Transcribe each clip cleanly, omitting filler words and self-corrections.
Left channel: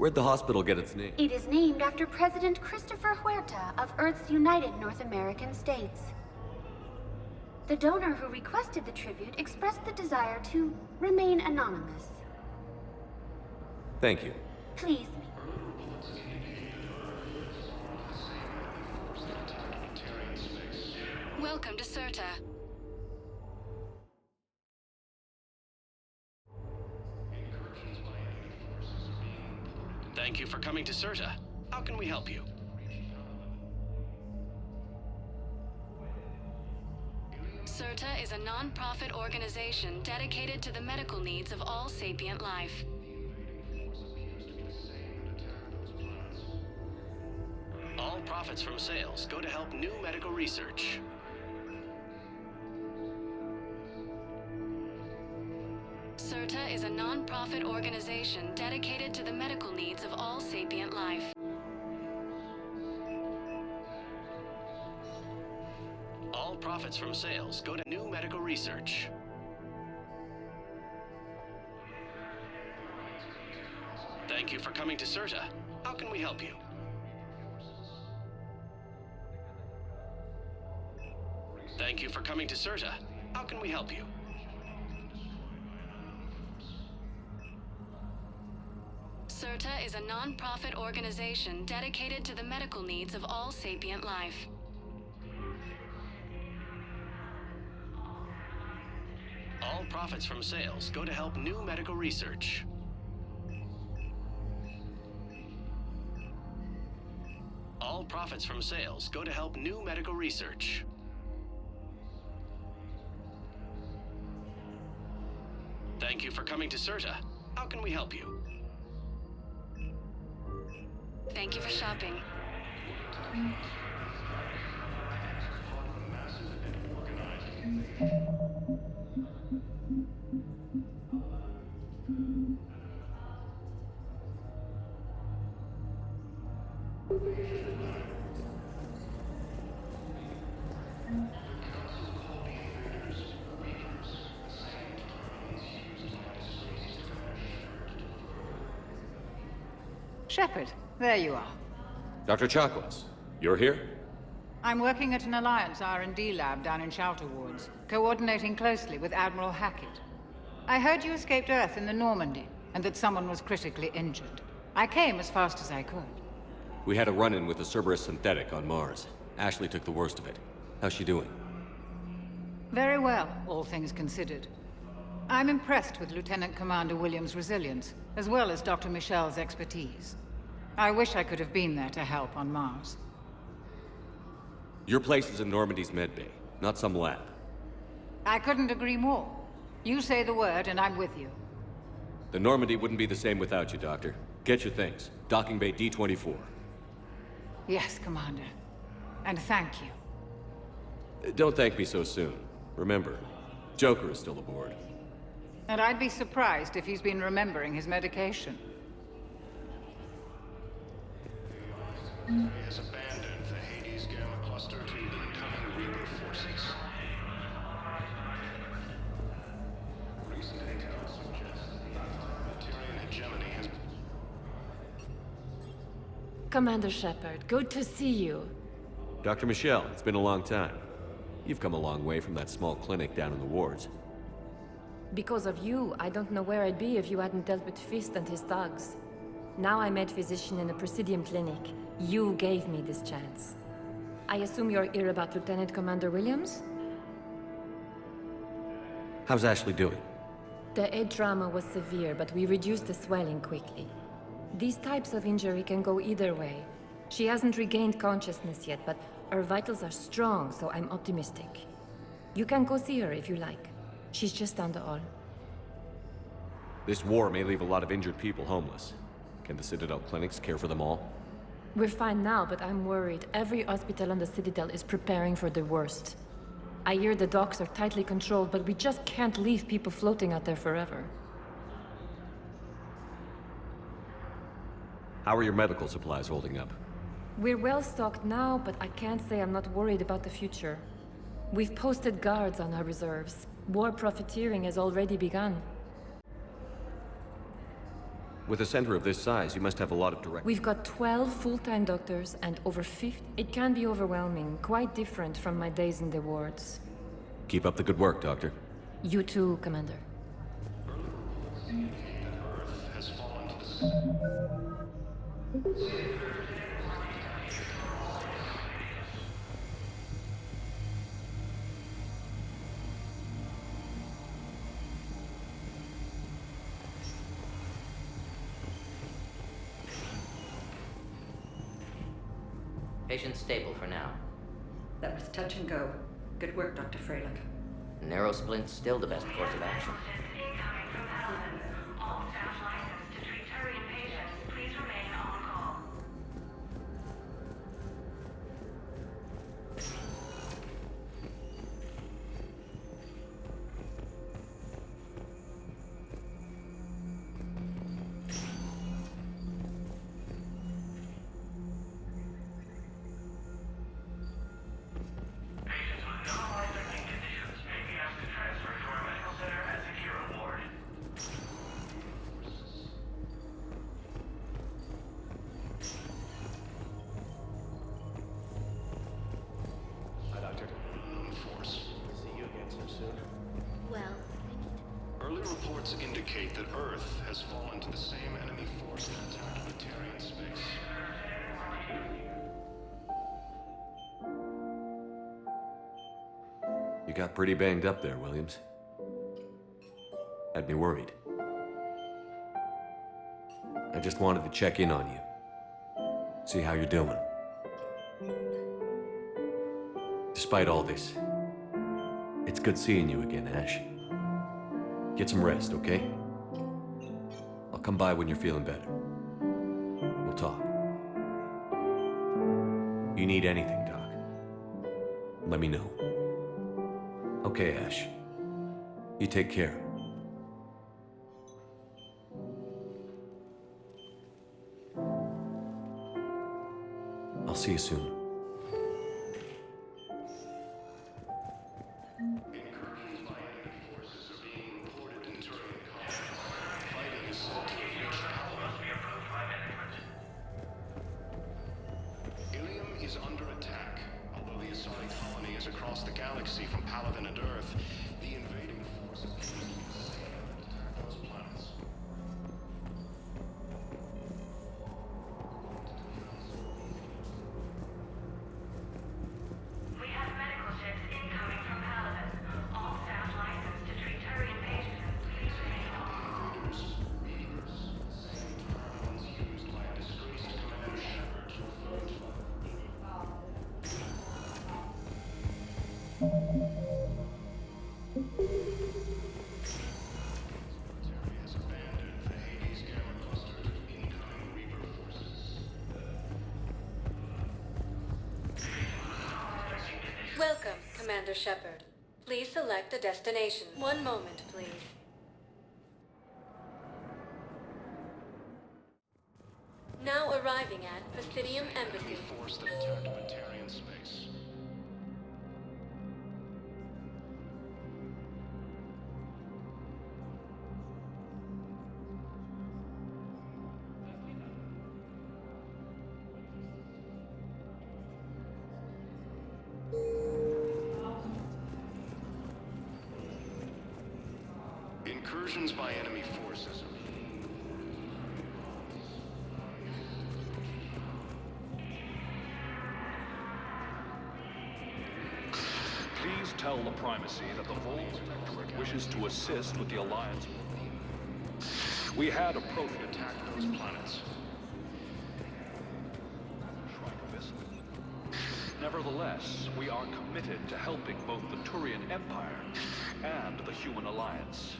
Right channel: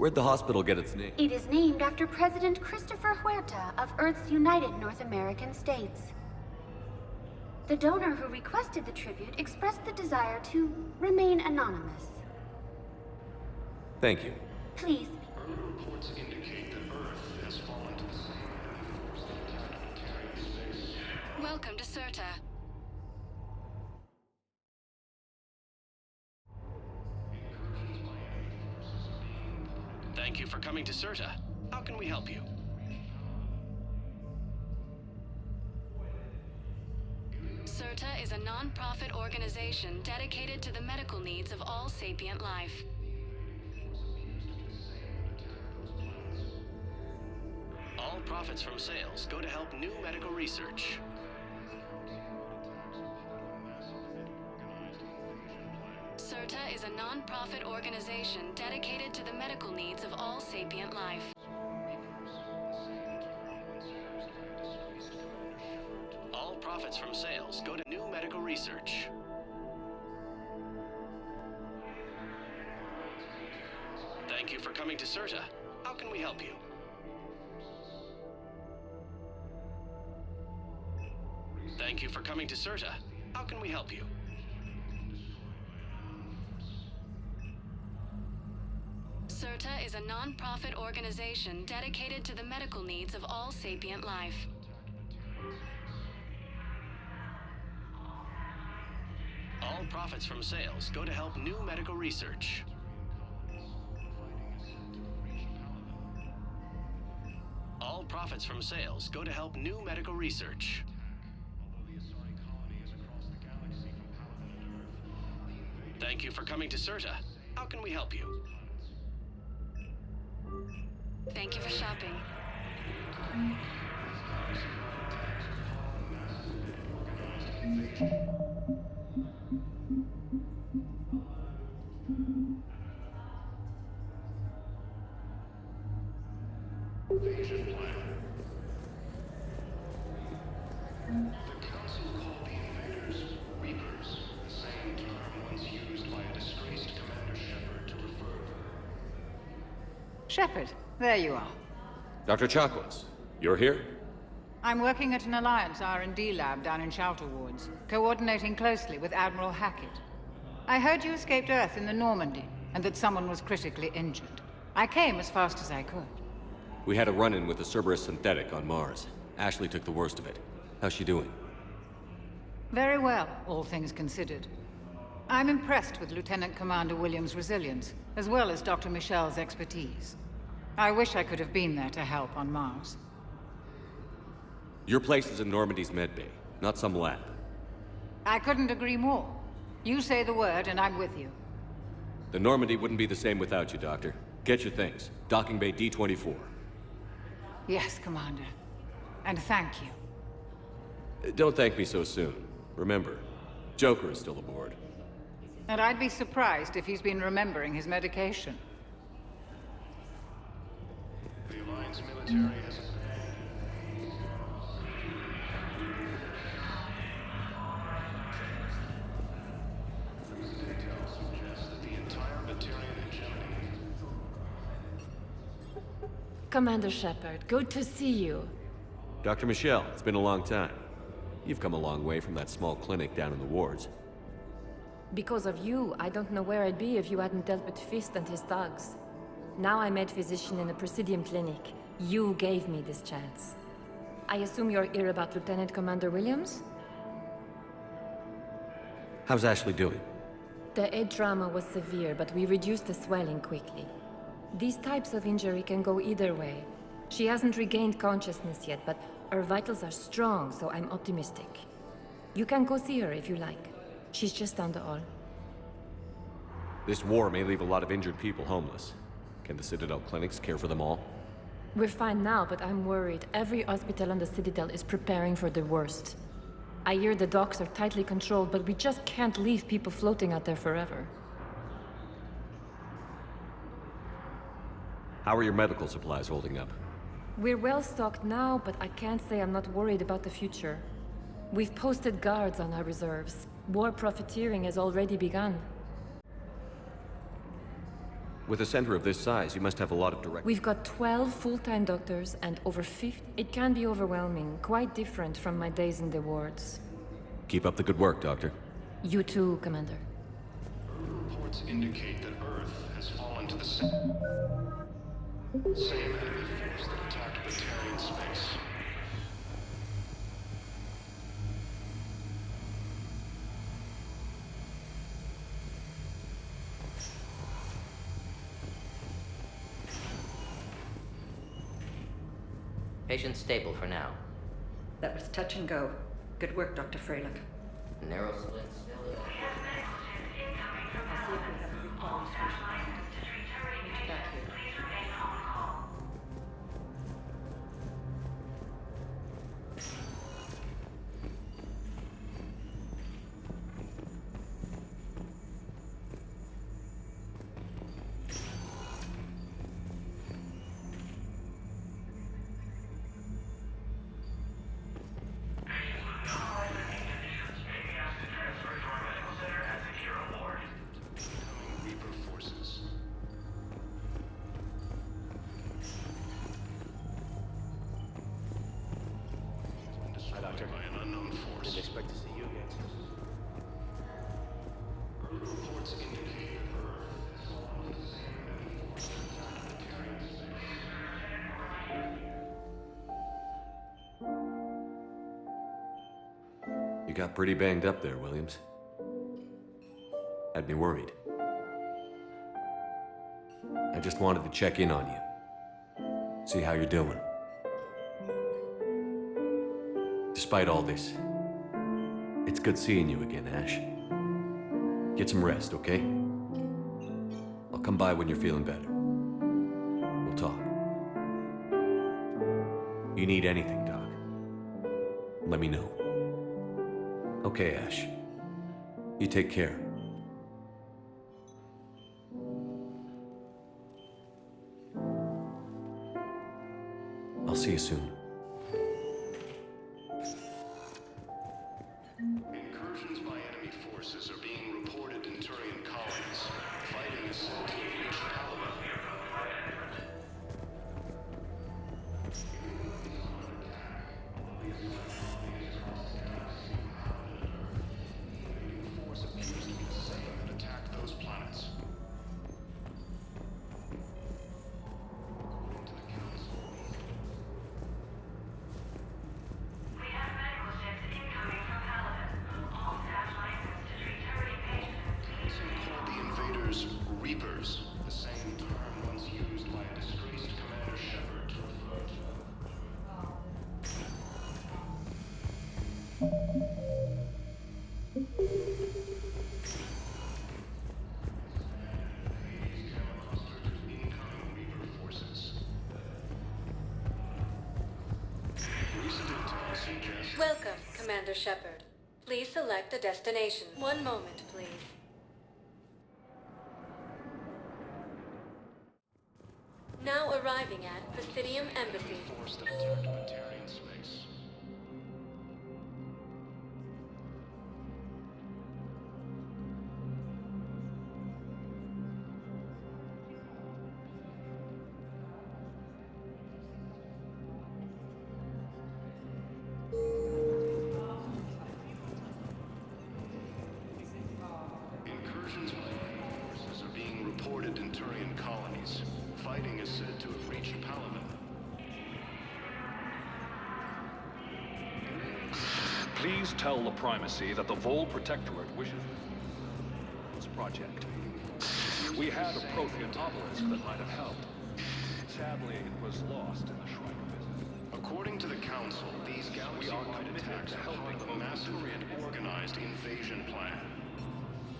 Where'd the hospital get its name? It is named after President Christopher Huerta of Earth's United North American States. The donor who requested the tribute expressed the desire to remain anonymous. Thank you. Please. Early reports indicate that Earth has fallen to the same enemy force that attacked Batarian space. Welcome to Serta. Incursions by enemy forces are being reported. Thank you for coming to Serta. How can we help you? Serta is a non-profit organization dedicated to the medical needs of all sapient life. All profits from sales go to help new medical research. Serta is a non-profit organization dedicated to the medical needs of all sapient life. All profits from sales go to new medical research. Thank you for coming to Serta. How can we help you? Thank you for coming to Serta. How can we help you? Serta is a non-profit organization dedicated to the medical needs of all sapient life. All profits from sales go to help new medical research. All profits from sales go to help new medical research. Thank you for coming to Serta. How can we help you? Thank you for shopping. Shepard, there you are. Dr. Chakwas, you're here? I'm working at an Alliance R&D lab down in Shelter Wards, coordinating closely with Admiral Hackett. I heard you escaped Earth in the Normandy, and that someone was critically injured. I came as fast as I could. We had a run-in with the Cerberus synthetic on Mars. Ashley took the worst of it. How's she doing? Very well, all things considered. I'm impressed with Lieutenant Commander Williams' resilience, as well as Dr. Michel's expertise. I wish I could have been there to help on Mars. Your place is in Normandy's medbay, not some lab. I couldn't agree more. You say the word and I'm with you. The Normandy wouldn't be the same without you, Doctor. Get your things. Docking Bay D-24. Yes, Commander. And thank you. Don't thank me so soon. Remember, Joker is still aboard. And I'd be surprised if he's been remembering his medication. The Alliance military has abandoned the Hades Gamma cluster to incoming Reaper forces. Recent intel suggests that the entire Batarian hegemony has... Commander Shepard, good to see you. Dr. Michel, it's been a long time. You've come a long way from that small clinic down in the wards. Because of you, I don't know where I'd be if you hadn't dealt with Fist and his thugs. Now I'm head physician in a Presidium clinic. You gave me this chance. I assume you're here about Lieutenant Commander Williams? How's Ashley doing? The head trauma was severe, but we reduced the swelling quickly. These types of injury can go either way. She hasn't regained consciousness yet, but her vitals are strong, so I'm optimistic. You can go see her if you like. She's just down the hall. This war may leave a lot of injured people homeless. Can the Citadel clinics care for them all? We're fine now, but I'm worried. Every hospital on the Citadel is preparing for the worst. I hear the docks are tightly controlled, but we just can't leave people floating out there forever. How are your medical supplies holding up? We're well stocked now, but I can't say I'm not worried about the future. We've posted guards on our reserves. War profiteering has already begun. With a center of this size, you must have a lot of direct... We've got 12 full-time doctors and over 50. It can be overwhelming, quite different from my days in the wards. Keep up the good work, Doctor. You too, Commander. Early reports indicate that Earth has fallen to the same enemy force that attacked the Terran space. Patient stable for now. That was touch and go. Good work, Dr. Freilich. Narrow splint's still the best course of action. By an unknown force. Expect to see you again so soon. Early reports indicate that Earth has fallen to the same enemy force that attacked the Terran space. You got pretty banged up there, Williams. Had me worried. I just wanted to check in on you. See how you're doing. Despite all this, it's good seeing you again, Ash. Get some rest, okay? I'll come by when you're feeling better. We'll talk. You need anything, Doc, let me know. Okay, Ash. You take care. I'll see you soon. Incursions by enemy forces are being reported in Turian colonies. Fighting is said to have reached Palaven. Ilium is under attack. Although the Asari colony is across the galaxy from Palaven and Earth, the invading force appears to be the same that attacked those planets. According to the Council, called the invaders Reapers, the same term once used by a disgraced Commander Shepard to refer to has abandoned the Hades Gamma Cluster to incoming Reaper forces. Welcome, Commander Shepard. Please select a destination. One moment, please. Now arriving at Presidium Embassy. Force that attacked the Terran space. Incursions by enemy forces are being reported in Turian colonies. Fighting is said to have reached Palaven. Please tell the Primacy that the Vol Protectorate wishes to assist with the Alliance project. We had a Prothean attack those planets. Sadly, it was lost in the Shrike Abyss. According to the Council, Nevertheless, we are committed to helping both the Turian Empire and the Human Alliance.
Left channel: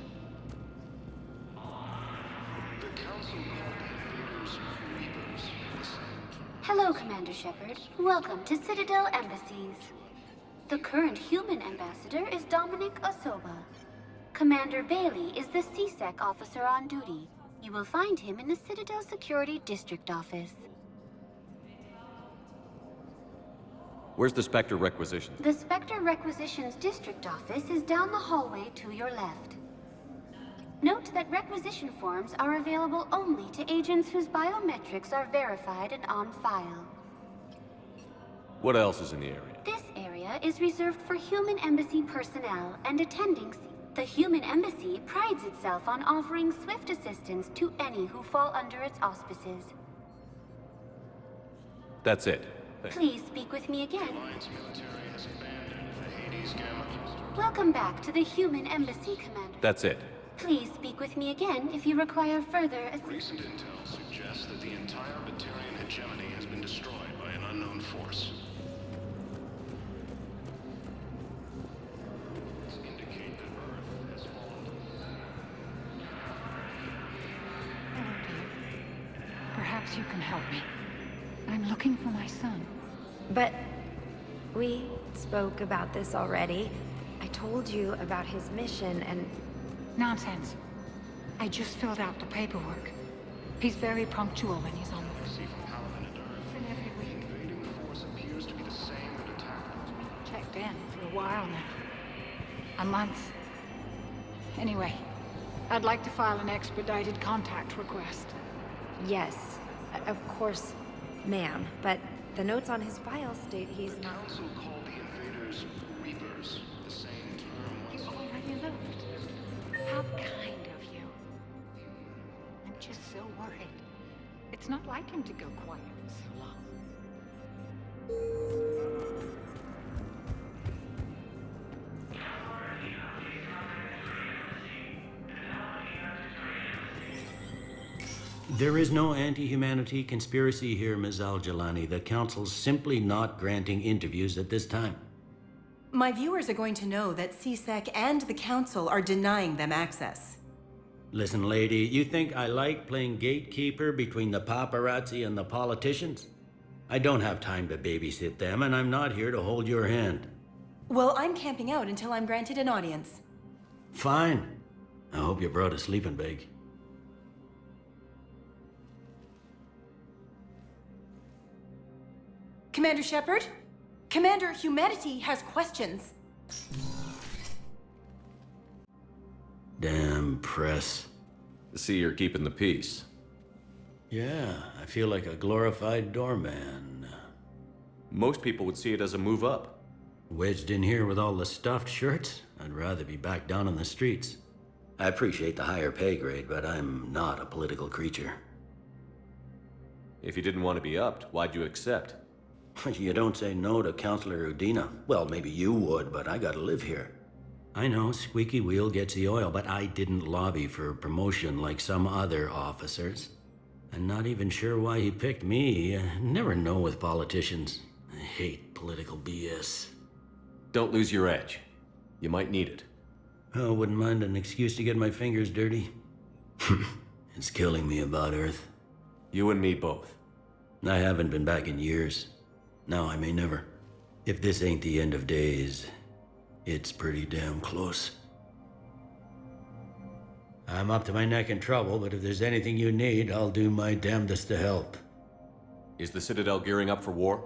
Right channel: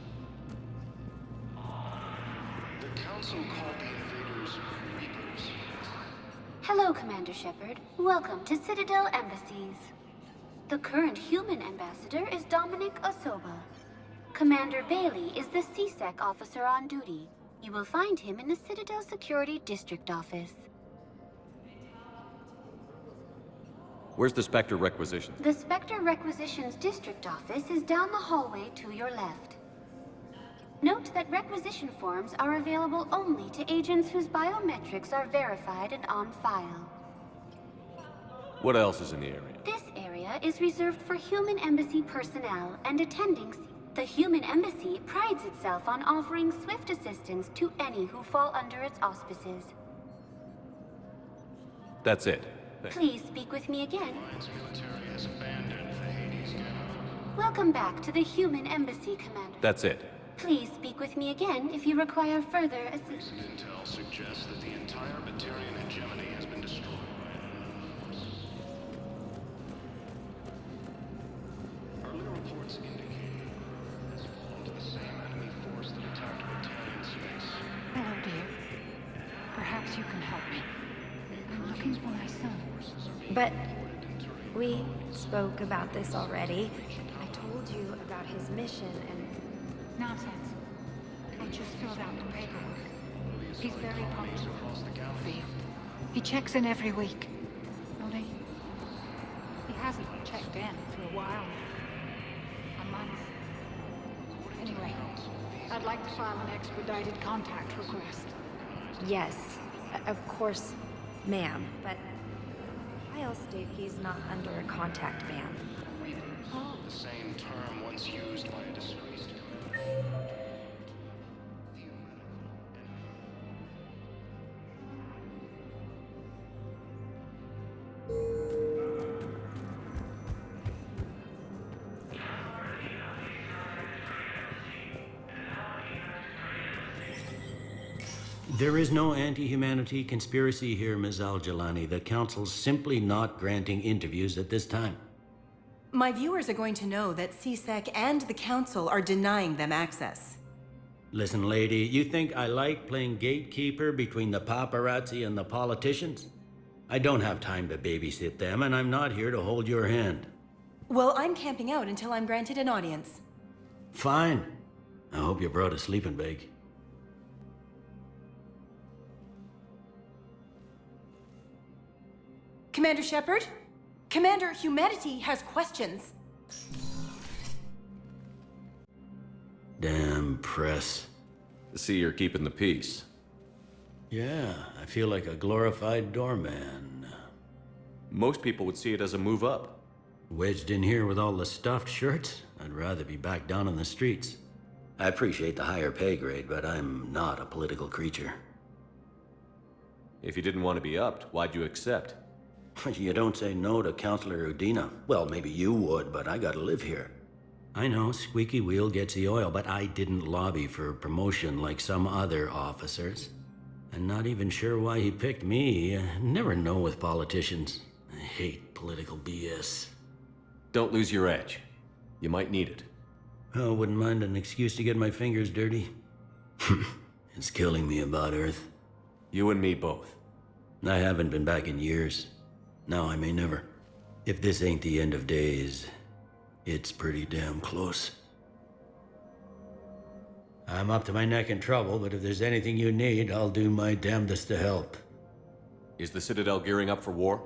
the Council called the invaders Reapers. Hello, Commander Shepard. Welcome to Citadel Embassies. The current human ambassador is Dominic Osoba. Commander Bailey is the CSEC officer on duty. You will find him in the Citadel Security District Office. Where's the Spectre Requisitions? The Spectre Requisitions District Office is down the hallway to your left. Note that requisition forms are available only to agents whose biometrics are verified and on file. What else is in the area? This area is reserved for human embassy personnel and attendings. The human embassy prides itself on offering swift assistance to any who fall under its auspices. That's it. Thanks. Please speak with me again. Alliance military has abandoned the Hades Gamma. Welcome back to the human embassy, Commander. That's it. Please speak with me again if you require further assistance. Recent intel suggests that the entire Batarian hegemony has been destroyed by an unknown force. Earlier reports indicate that Earth has fallen to the same enemy force that attacked Batarian space. Hello, dear. Perhaps you can help me. I'm looking for my son. But we spoke about this already. I told you about his mission and... Nonsense. I just filled out the paperwork. He's very punctual when he's on the field. He checks in every week. He hasn't checked in for a while now. A month. Anyway, I'd like to file an expedited contact request. Yes, of course, ma'am. But the notes on his file state he's not under a contact ban. Reapers, the same term once used by displaced How kind of you. Just so worried. It's not like him to go quiet so long. There is no anti-humanity conspiracy here, Ms. Al-Jalani. The Council's simply not granting interviews at this time. My viewers are going to know that CSEC and the Council are denying them access. Listen, lady, you think I like playing gatekeeper between the paparazzi and the politicians? I don't have time to babysit them, and I'm not here to hold your hand. Well, I'm camping out until I'm granted an audience. Fine. I hope you brought a sleeping bag. Commander Shepard? Commander, humanity has questions. Damn press. See, you're keeping the peace. Yeah, I feel like a glorified doorman. Most people would see it as a move up. Wedged in here with all the stuffed shirts? I'd rather be back down in the streets. I appreciate the higher pay grade, but I'm not a political creature. If you didn't want to be upped, why'd you accept? You don't say no to Counselor Udina. Well, maybe you would, but I gotta live here. I know, squeaky wheel gets the oil, but I didn't lobby for promotion like some other officers. I'm not even sure why he picked me. I never know with politicians. I hate political BS. Don't lose your edge. You might need it. Oh, wouldn't mind an excuse to get my fingers dirty. It's killing me about Earth. You and me both. I haven't been back in years. Now I may never. If this ain't the end of days, it's pretty damn close. I'm up to my neck in trouble, but if there's anything you need, I'll do my damnedest to help. Is the Citadel gearing up for war?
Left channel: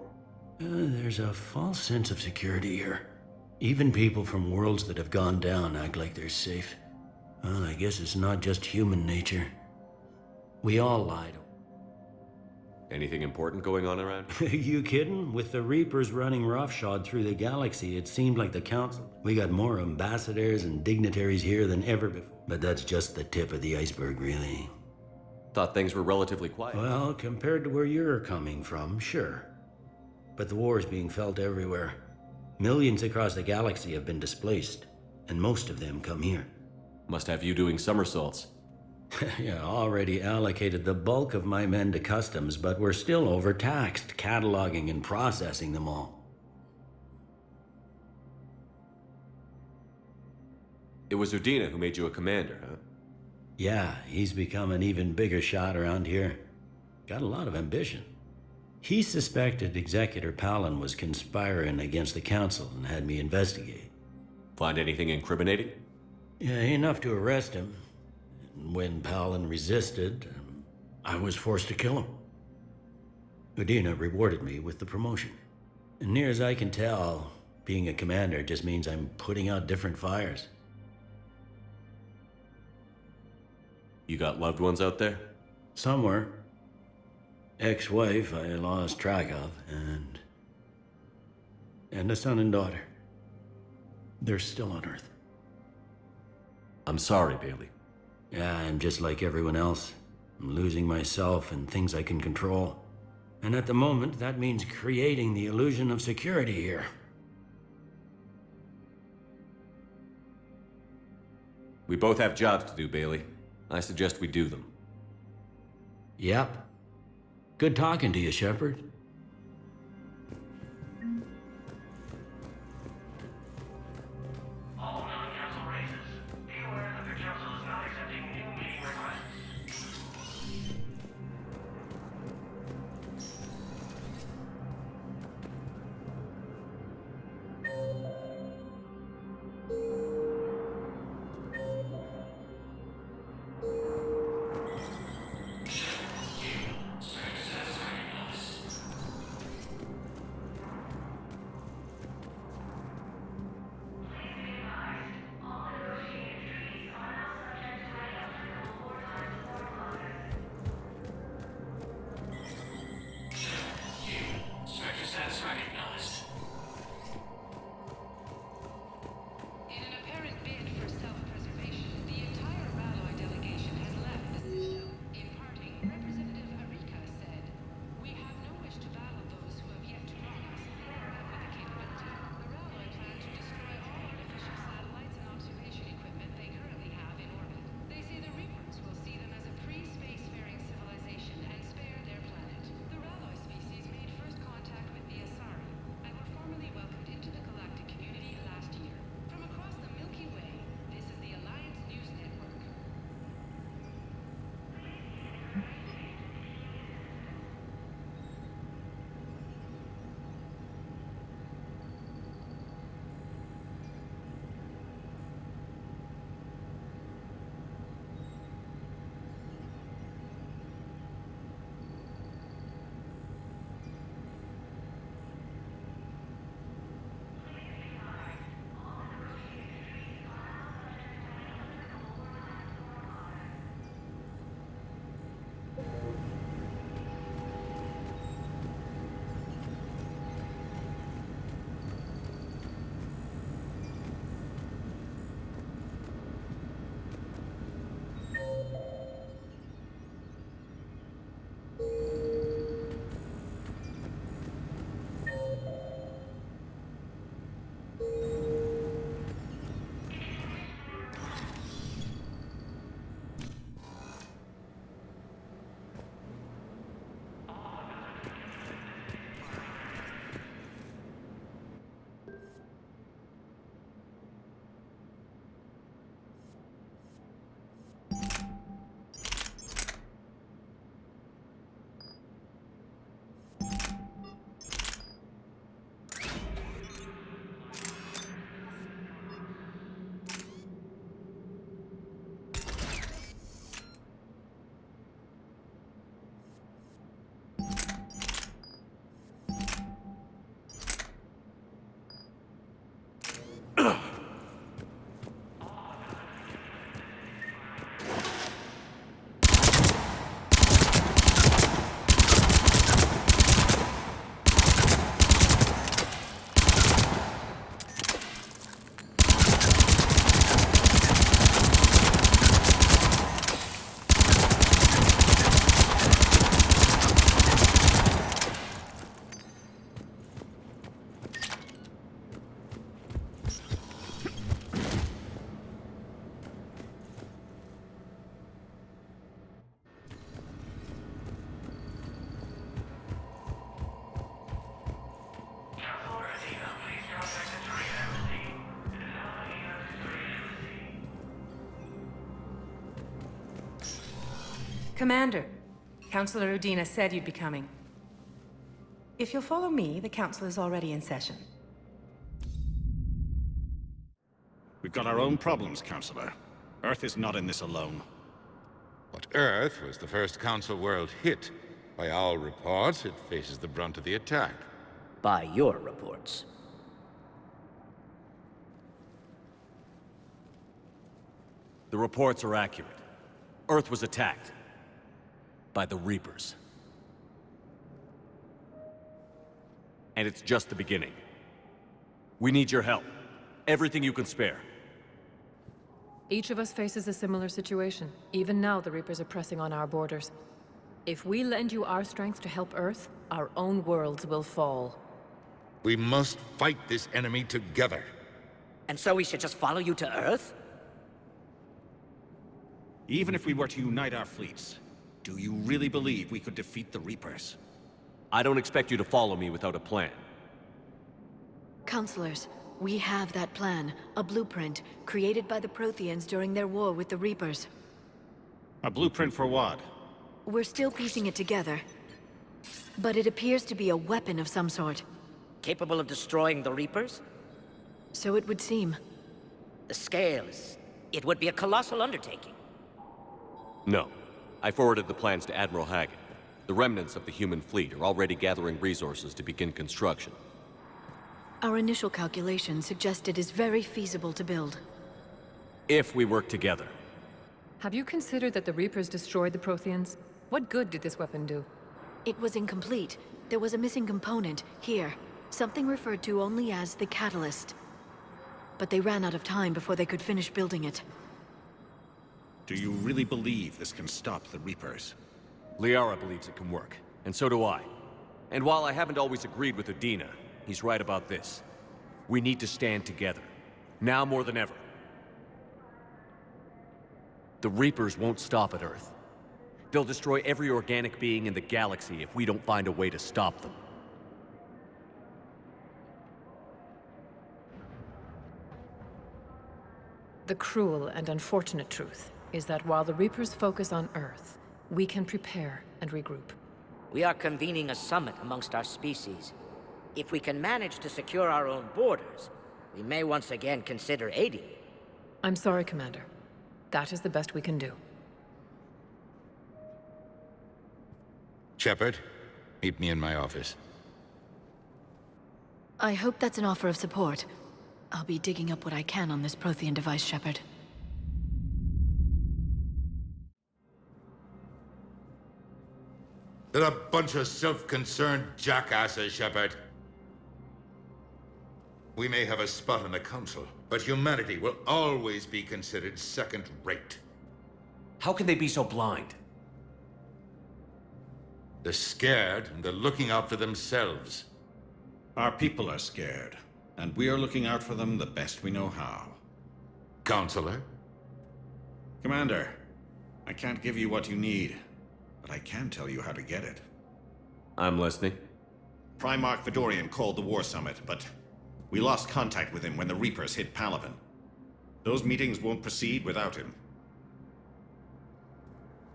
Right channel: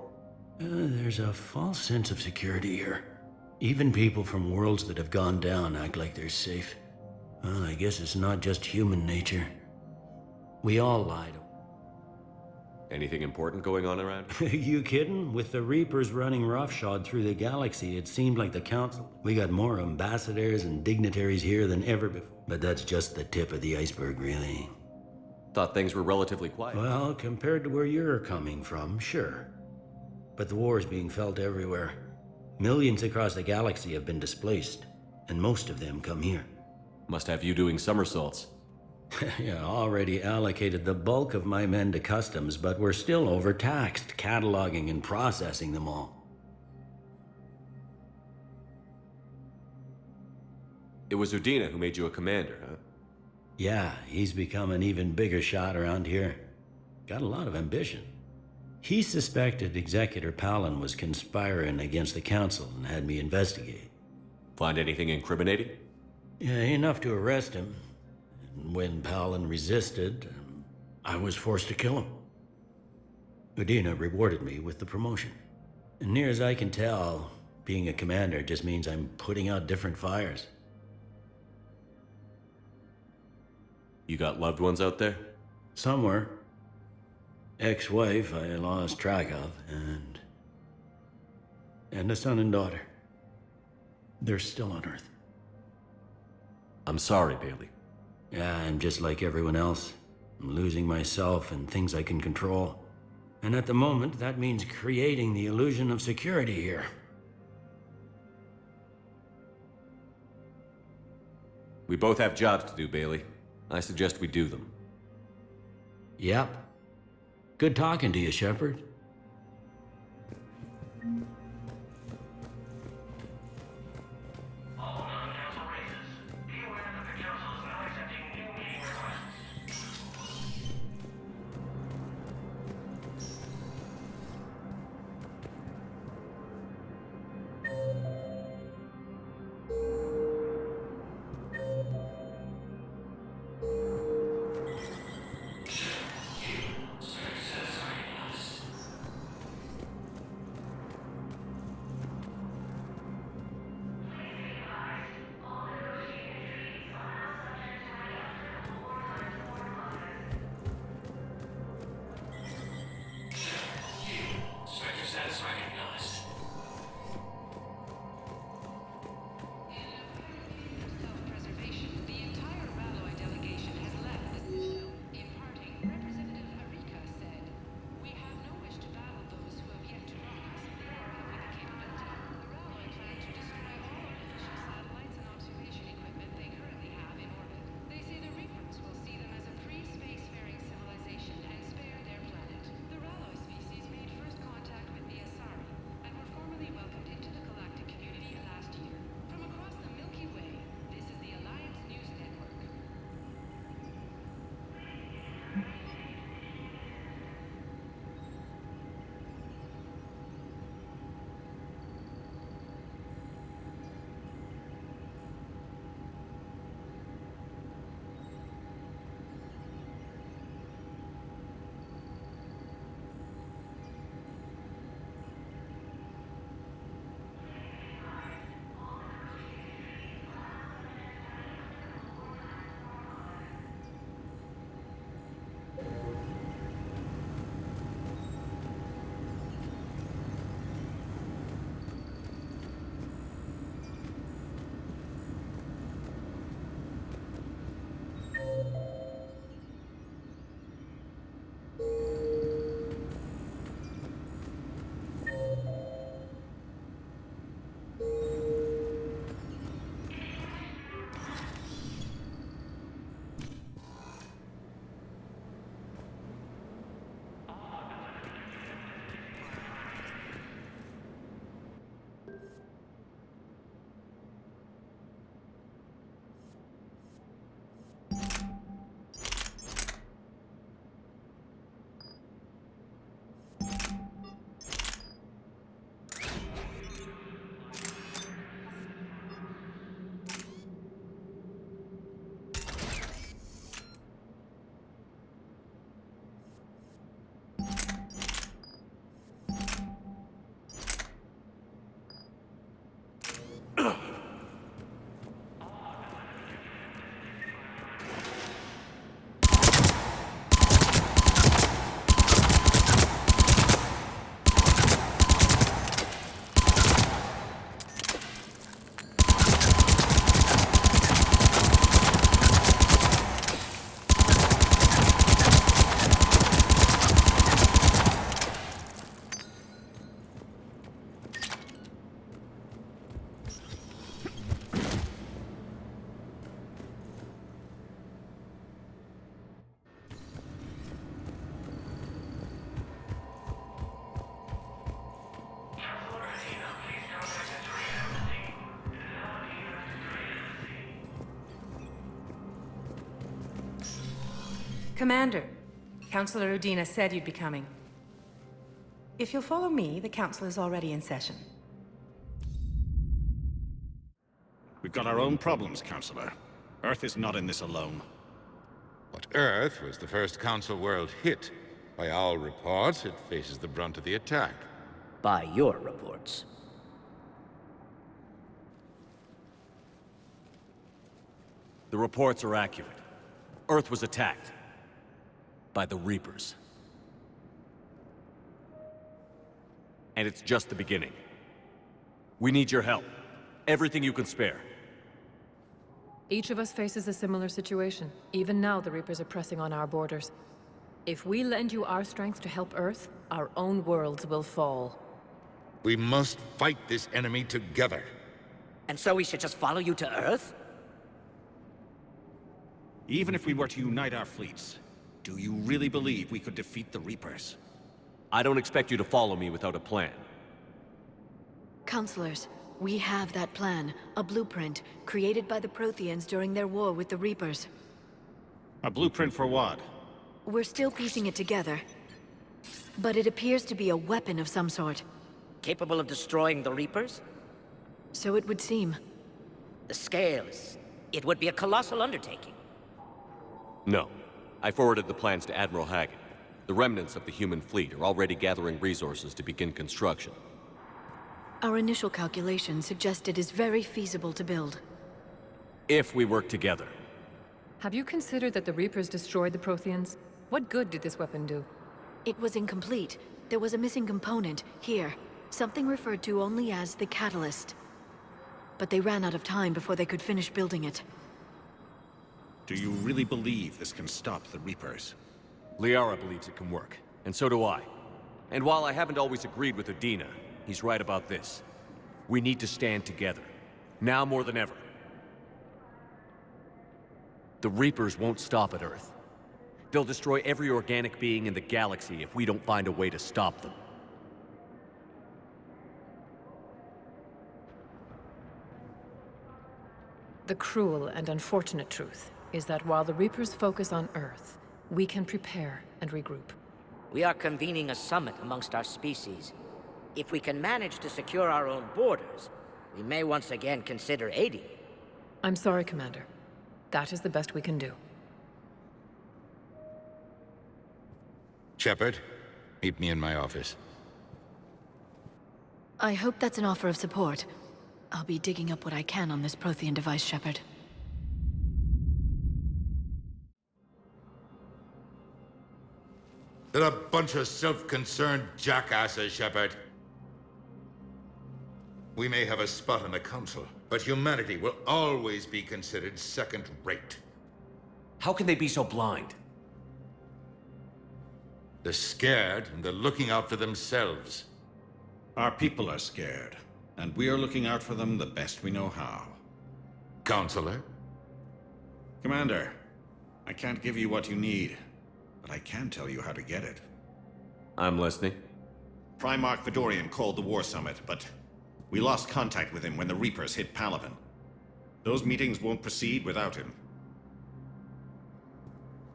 There's a false sense of security here. Even people from worlds that have gone down act like they're safe. Well, I guess it's not just human nature. We all lied. Anything important going on around? You kidding? With the Reapers running roughshod through the galaxy, it seemed like the Council. We got more ambassadors and dignitaries here than ever before. But that's just the tip of the iceberg, really. Thought things were relatively quiet. Well, compared to where you're coming from, sure. But the war is being felt everywhere. Millions across the galaxy have been displaced, and most of them come here. Must have you doing somersaults. Yeah, already allocated the bulk of my men to customs, but we're still overtaxed, cataloging and processing them all. It was Udina who made you a commander, huh? Yeah, he's become an even bigger shot around here. Got a lot of ambition. He suspected Executor Palin was conspiring against the Council and had me investigate. Find anything incriminating? Yeah, enough to arrest him. When Palin resisted, I was forced to kill him. Udina rewarded me with the promotion. And near as I can tell, being a commander just means I'm putting out different fires. You got loved ones out there? Somewhere. Ex-wife I lost track of, and a son and daughter. They're still on Earth. I'm sorry, Bailey. Yeah, I'm just like everyone else. I'm losing myself and things I can control. And at the moment, that means creating the illusion of security here. We both have jobs to do, Bailey. I suggest we do them. Yep. Good talking to you, Shepard. Commander, Councilor Udina said you'd be coming. If you'll follow me, the council is already in session. We've got our own problems, Councilor. Earth is not in this alone. But Earth was the first Council world hit. By all reports, it faces the brunt of the attack. By your reports. The reports are accurate. Earth was attacked. By the Reapers. And it's just the beginning. We need your help. Everything you can spare. Each of us faces a similar situation. Even now, the Reapers are pressing on our borders. If we lend you our strength to help Earth, our own worlds will fall. We must fight this enemy together. And so we should just follow you to Earth? Even if we were to unite our fleets, do you really believe we could defeat the Reapers? I don't expect you to follow me without a plan. Counselors, we have that plan. A blueprint, created by the Protheans during their war with the Reapers. A blueprint for what? We're still piecing it together. But it appears to be a weapon of some sort. Capable of destroying the Reapers? So it would seem. The scale is... it would be a colossal undertaking. No. I forwarded the plans to Admiral Hackett. The remnants of the human fleet are already gathering resources to begin construction. Our initial calculations suggest it is very feasible to build. If we work together. Have you considered that the Reapers destroyed the Protheans? What good did this weapon do? It was incomplete. There was a missing component, here. Something referred to only as the Catalyst. But they ran out of time before they could finish building it. Do you really believe this can stop the Reapers? Liara believes it can work, and so do I. And while I haven't always agreed with Udina, he's right about this. We need to stand together. Now more than ever. The Reapers won't stop at Earth. They'll destroy every organic being in the galaxy if we don't find a way to stop them. The cruel and unfortunate truth is that while the Reapers focus on Earth, we can prepare and regroup. We are convening a summit amongst our species. If we can manage to secure our own borders, we may once again consider aiding you. I'm sorry, Commander. That is the best we can do. Shepard, meet me in my office. I hope that's an offer of support. I'll be digging up what I can on this Prothean device, Shepard. They're a bunch of self-concerned jackasses, Shepard. We may have a spot in the Council, but humanity will always be considered second-rate. How can they be so blind? They're scared, and they're looking out for themselves. Our people are scared, and we are looking out for them the best we know how. Counselor? Commander, I can't give you what you need, but I can tell you how to get it. I'm listening. Primarch Fedorian called the War Summit, but we lost contact with him when the Reapers hit Palaven. Those meetings won't proceed without him.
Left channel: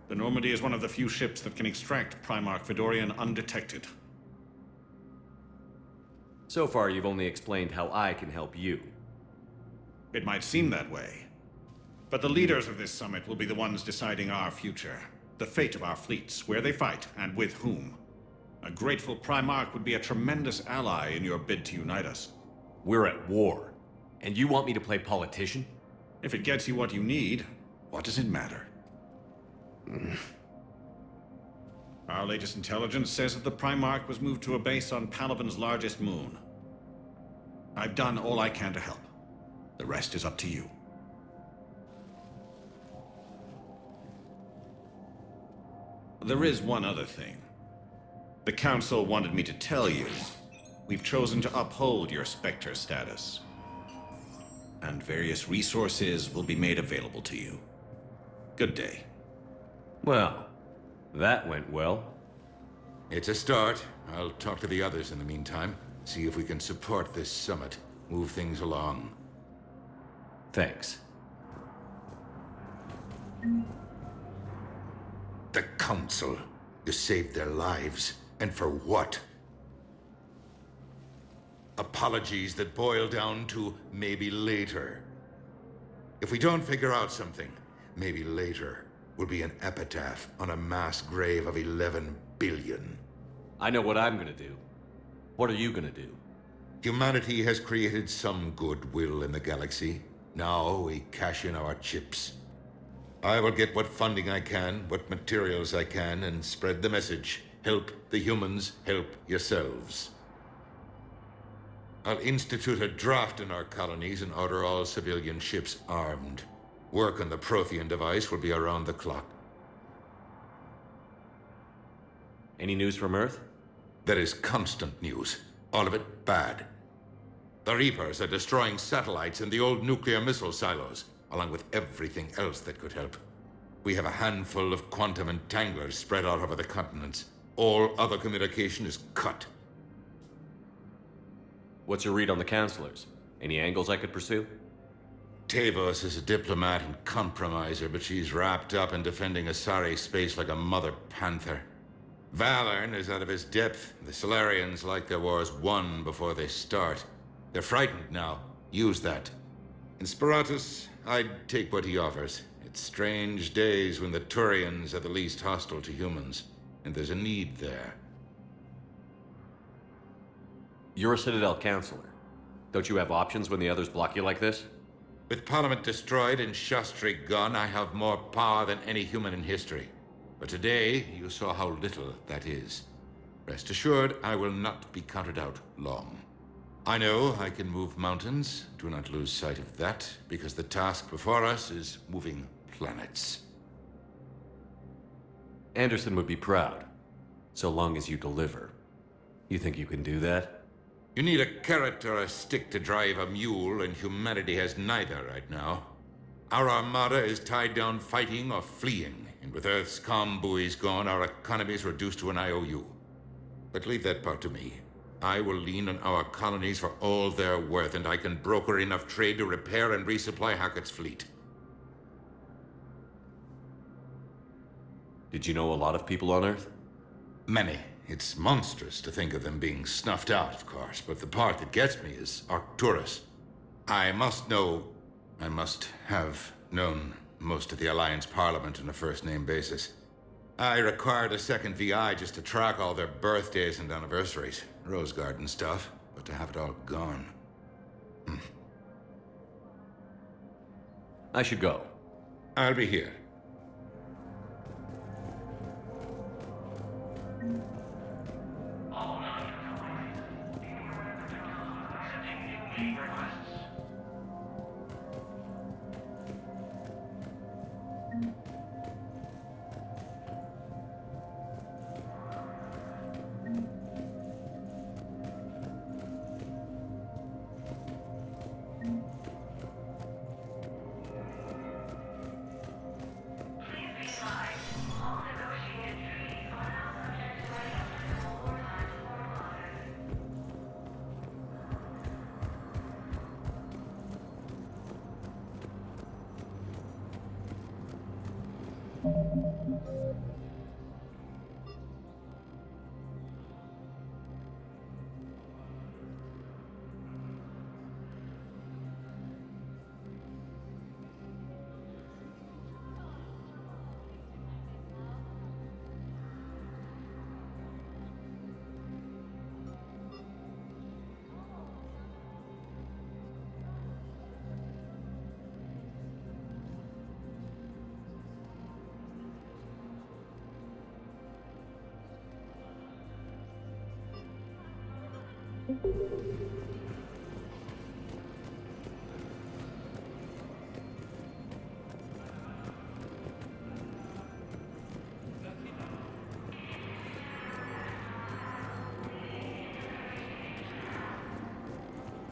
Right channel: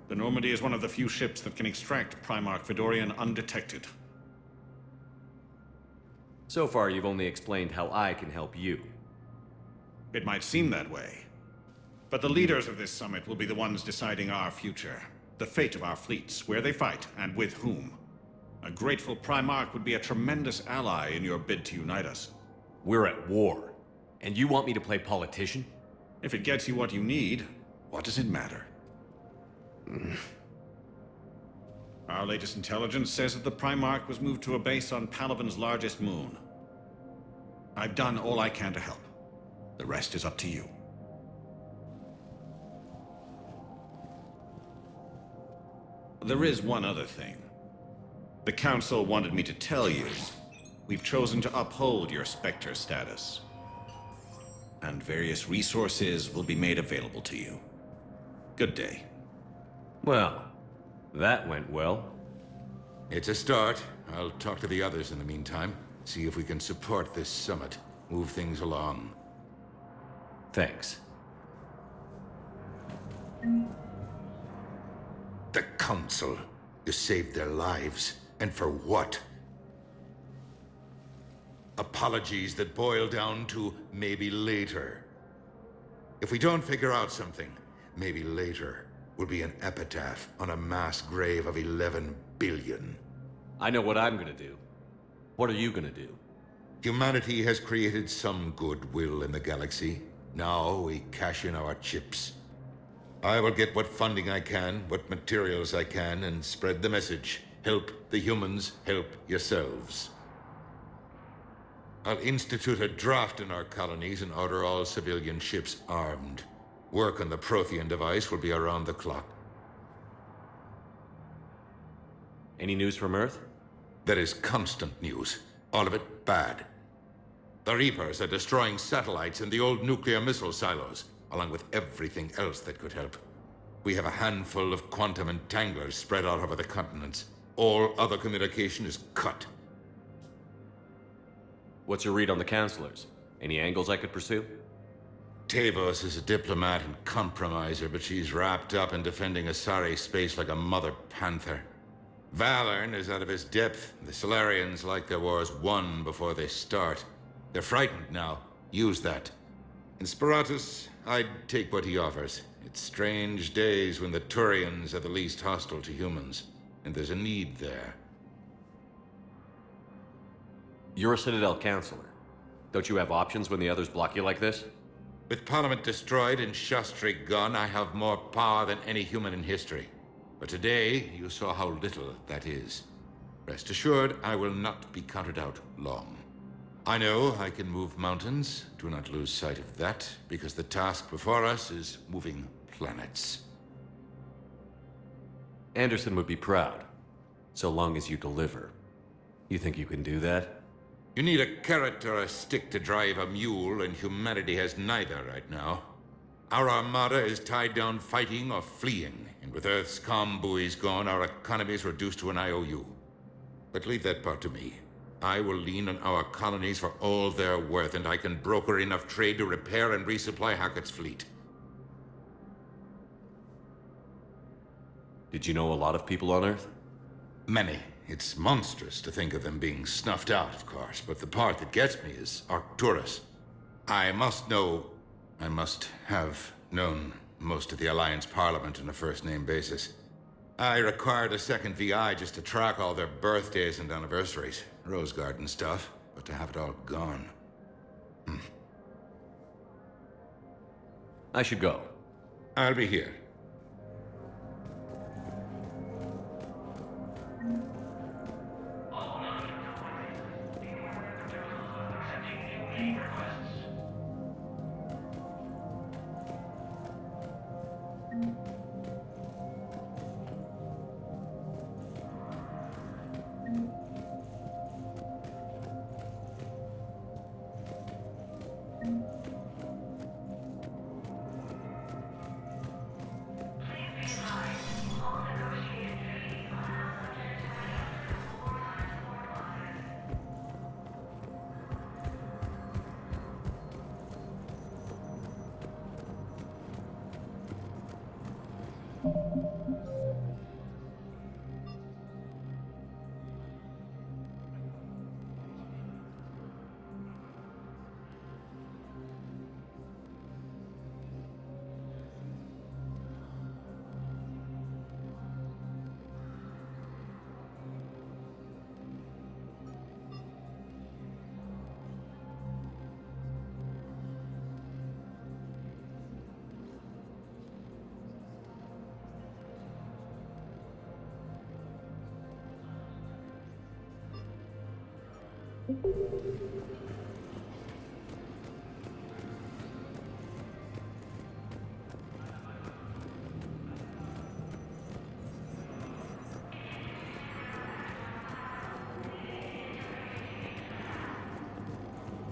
The Normandy is one of the few ships that can extract Primarch Fedorian undetected. So far, you've only explained how I can help you. It might seem that way. But the leaders of this summit will be the ones deciding our future. The fate of our fleets, where they fight, and with whom. A grateful Primarch would be a tremendous ally in your bid to unite us. We're at war. And you want me to play politician? If it gets you what you need, what does it matter? Our latest intelligence says that the Primarch was moved to a base on Palaven's largest moon. I've done all I can to help. The rest is up to you. There is one other thing. The Council wanted me to tell you, we've chosen to uphold your Spectre status. And various resources will be made available to you. Good day. Well, that went well. It's a start. I'll talk to the others in the meantime. See if we can support this summit. Move things along. Thanks. The Council. You saved their lives. And for what? Apologies that boil down to maybe later. If we don't figure out something, maybe later will be an epitaph on a mass grave of 11 billion. I know what I'm gonna do. What are you gonna do? Humanity has created some goodwill in the galaxy. Now we cash in our chips. I will get what funding I can, what materials I can, and spread the message. Help the humans, help yourselves. I'll institute a draft in our colonies and order all civilian ships armed. Work on the Prothean device will be around the clock. Any news from Earth? There is constant news. All of it bad. The Reapers are destroying satellites and the old nuclear missile silos, along with everything else that could help. We have a handful of quantum entanglers spread out over the continents. All other communication is cut. What's your read on the counselors? Any angles I could pursue? Tavos is a diplomat and compromiser, but she's wrapped up in defending Asari space like a mother panther. Valorn is out of his depth. The Solarians like their wars won before they start. They're frightened now. Use that. In Sparatus, I'd take what he offers. It's strange days when the Turians are the least hostile to humans, and there's a need there. You're a Citadel counselor. Don't you have options when the others block you like this? With Parliament destroyed and Shastri gone, I have more power than any human in history. But today, you saw how little that is. Rest assured, I will not be counted out long. I know I can move mountains. Do not lose sight of that, because the task before us is moving planets. Anderson would be proud, so long as you deliver. You think you can do that? You need a carrot or a stick to drive a mule, and humanity has neither right now. Our armada is tied down fighting or fleeing, and with Earth's comm buoys gone, our economy is reduced to an IOU. But leave that part to me. I will lean on our colonies for all they're worth, and I can broker enough trade to repair and resupply Hackett's fleet. Did you know a lot of people on Earth? Many. It's monstrous to think of them being snuffed out, of course, but the part that gets me is Arcturus. I must have known most of the Alliance Parliament on a first-name basis. I required a second VI just to track all their birthdays and anniversaries. Rose Garden stuff, but to have it all gone. I should go. I'll be here.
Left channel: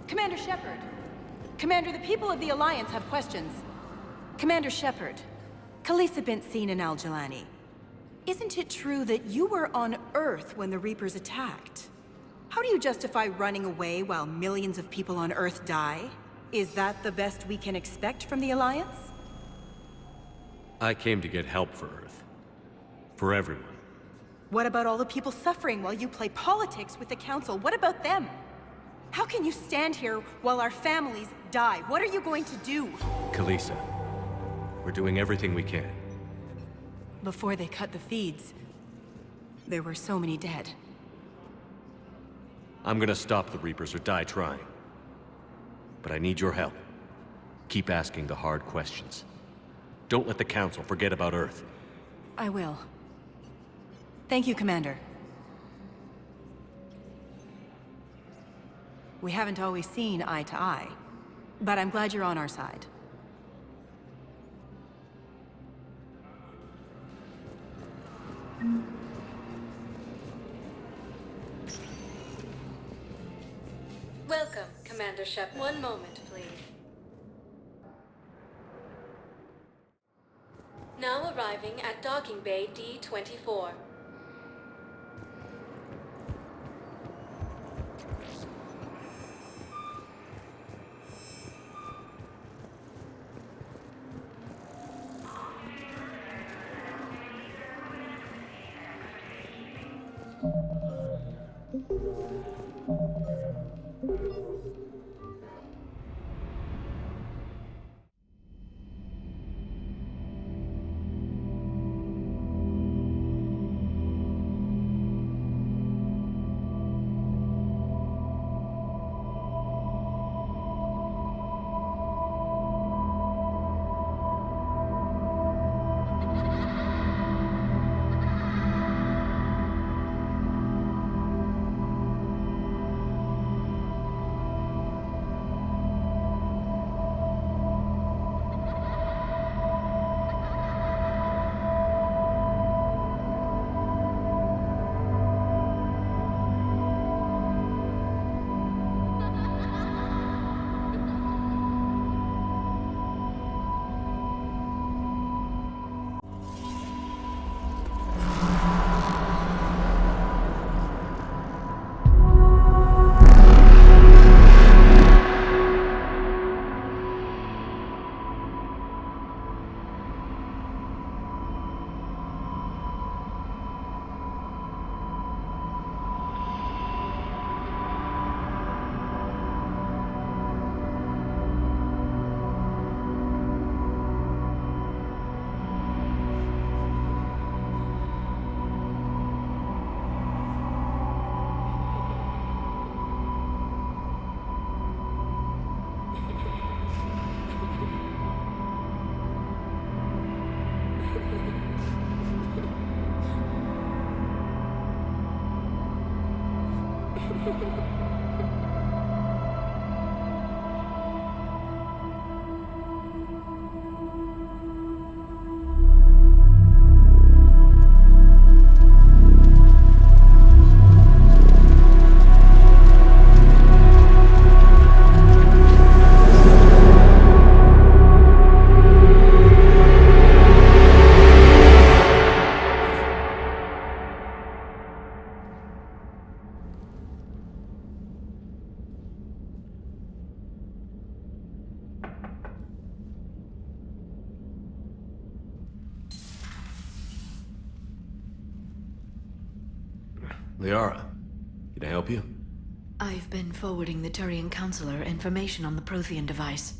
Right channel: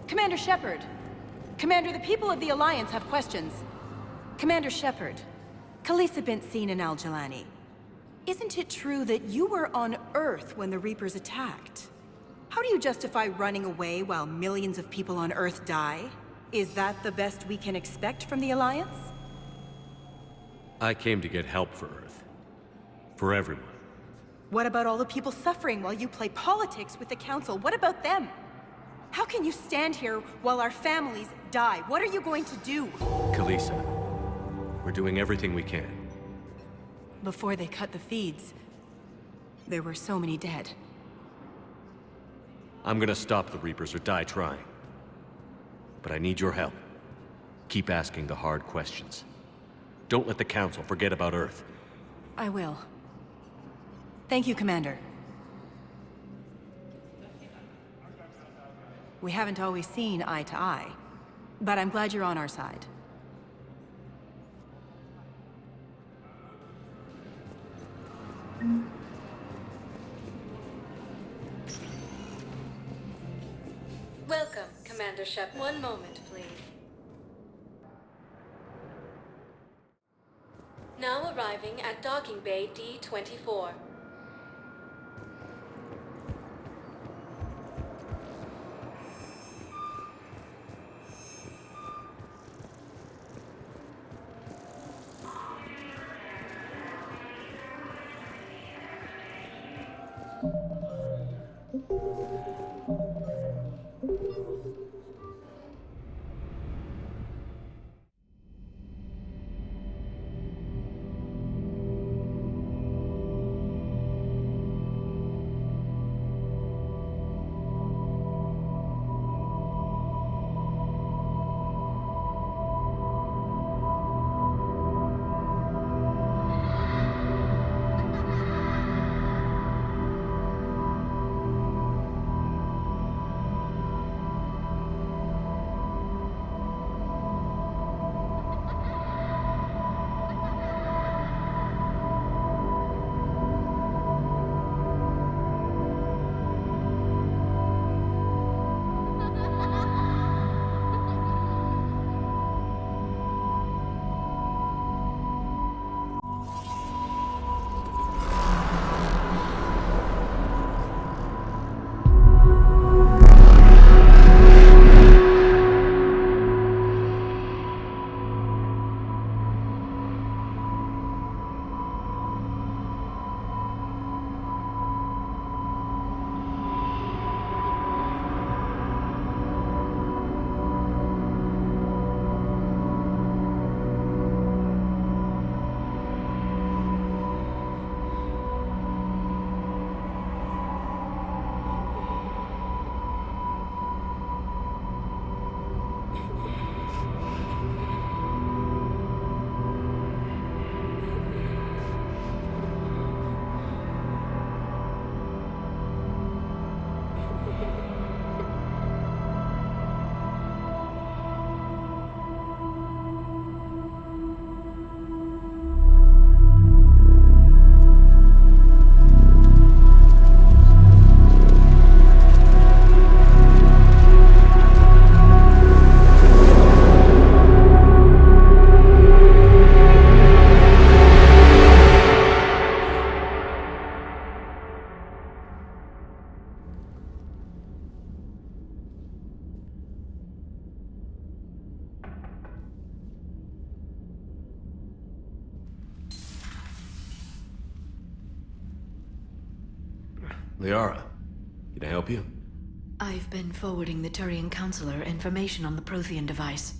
Commander Shepard. Commander, the people of the Alliance have questions. Commander Shepard, Khalisah bint Sin and Al-Jalani. Isn't it true that you were on Earth when the Reapers attacked? How do you justify running away while millions of people on Earth die? Is that the best we can expect from the Alliance? I came to get help for Earth. For everyone. What about all the people suffering while you play politics with the Council? What about them? How can you stand here while our families die? What are you going to do? Khalisah, we're doing everything we can. Before they cut the feeds, there were so many dead. I'm gonna stop the Reapers or die trying. But I need your help. Keep asking the hard questions. Don't let the Council forget about Earth. I will. Thank you, Commander. We haven't always seen eye to eye, but I'm glad you're on our side. Welcome, Commander Shep. One moment, please. Now arriving at Docking Bay D-24. Liara, can I help you? I've been forwarding the Turian Counselor information on the Prothean device.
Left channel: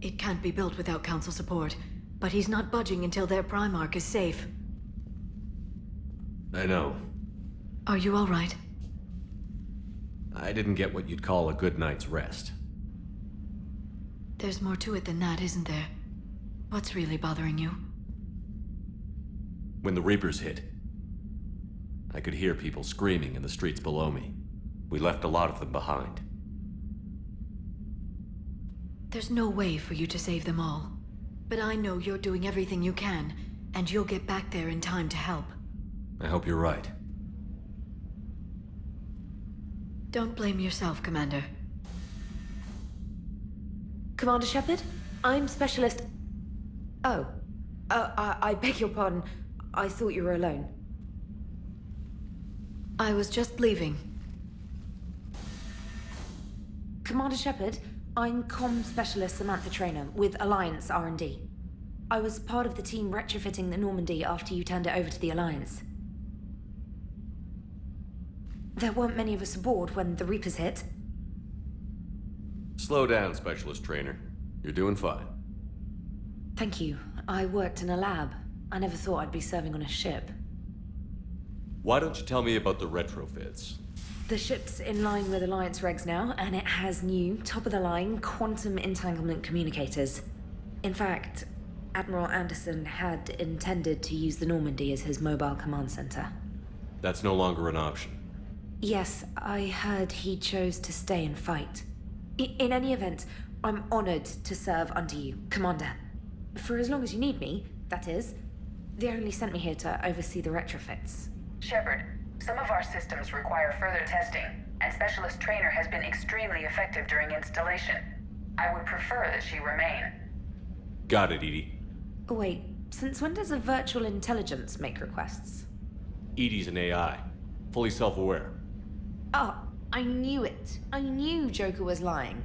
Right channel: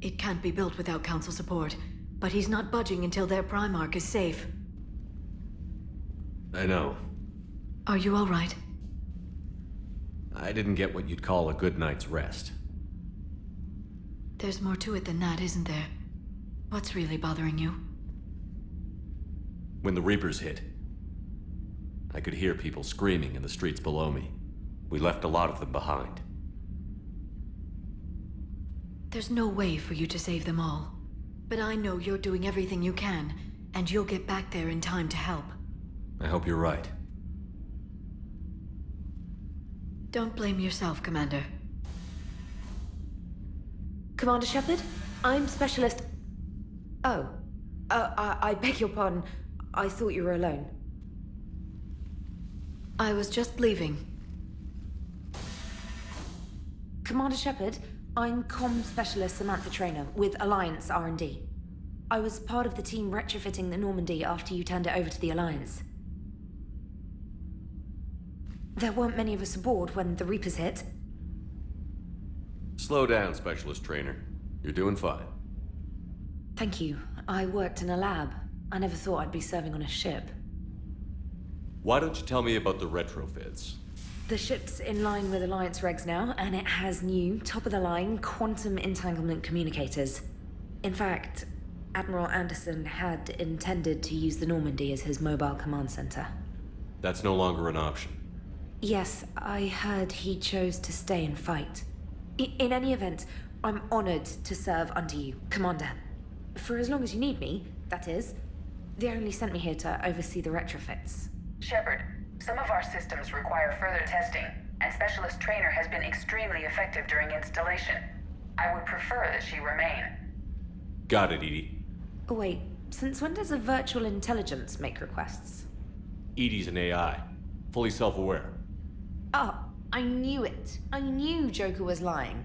It can't be built without Council support, but he's not budging until their Primarch is safe. I know. Are you all right? I didn't get what you'd call a good night's rest. There's more to it than that, isn't there? What's really bothering you? When the Reapers hit, I could hear people screaming in the streets below me. We left a lot of them behind. There's no way for you to save them all. But I know you're doing everything you can, and you'll get back there in time to help. I hope you're right. Don't blame yourself, Commander. Commander Shepard, I'm Specialist... Oh. I beg your pardon. I thought you were alone. I was just leaving. Commander Shepard, I'm Comm Specialist Samantha Traynor with Alliance R&D. I was part of the team retrofitting the Normandy after you turned it over to the Alliance. There weren't many of us aboard when the Reapers hit. Slow down, Specialist Trainer. You're doing fine. Thank you. I worked in a lab. I never thought I'd be serving on a ship. Why don't you tell me about the retrofits? The ship's in line with Alliance regs now, and it has new, top-of-the-line quantum entanglement communicators. In fact, Admiral Anderson had intended to use the Normandy as his mobile command center. That's no longer an option. Yes, I heard he chose to stay and fight. In any event, I'm honored to serve under you, Commander. For as long as you need me, that is. They only sent me here to oversee the retrofits. Shepard, some of our systems require further testing, and Specialist Trainer has been extremely effective during installation. I would prefer that she remain. Got it, Edie. Oh, wait, since when does a virtual intelligence make requests? Edie's an AI. Fully self-aware. Oh, I knew it. I knew Joker was lying.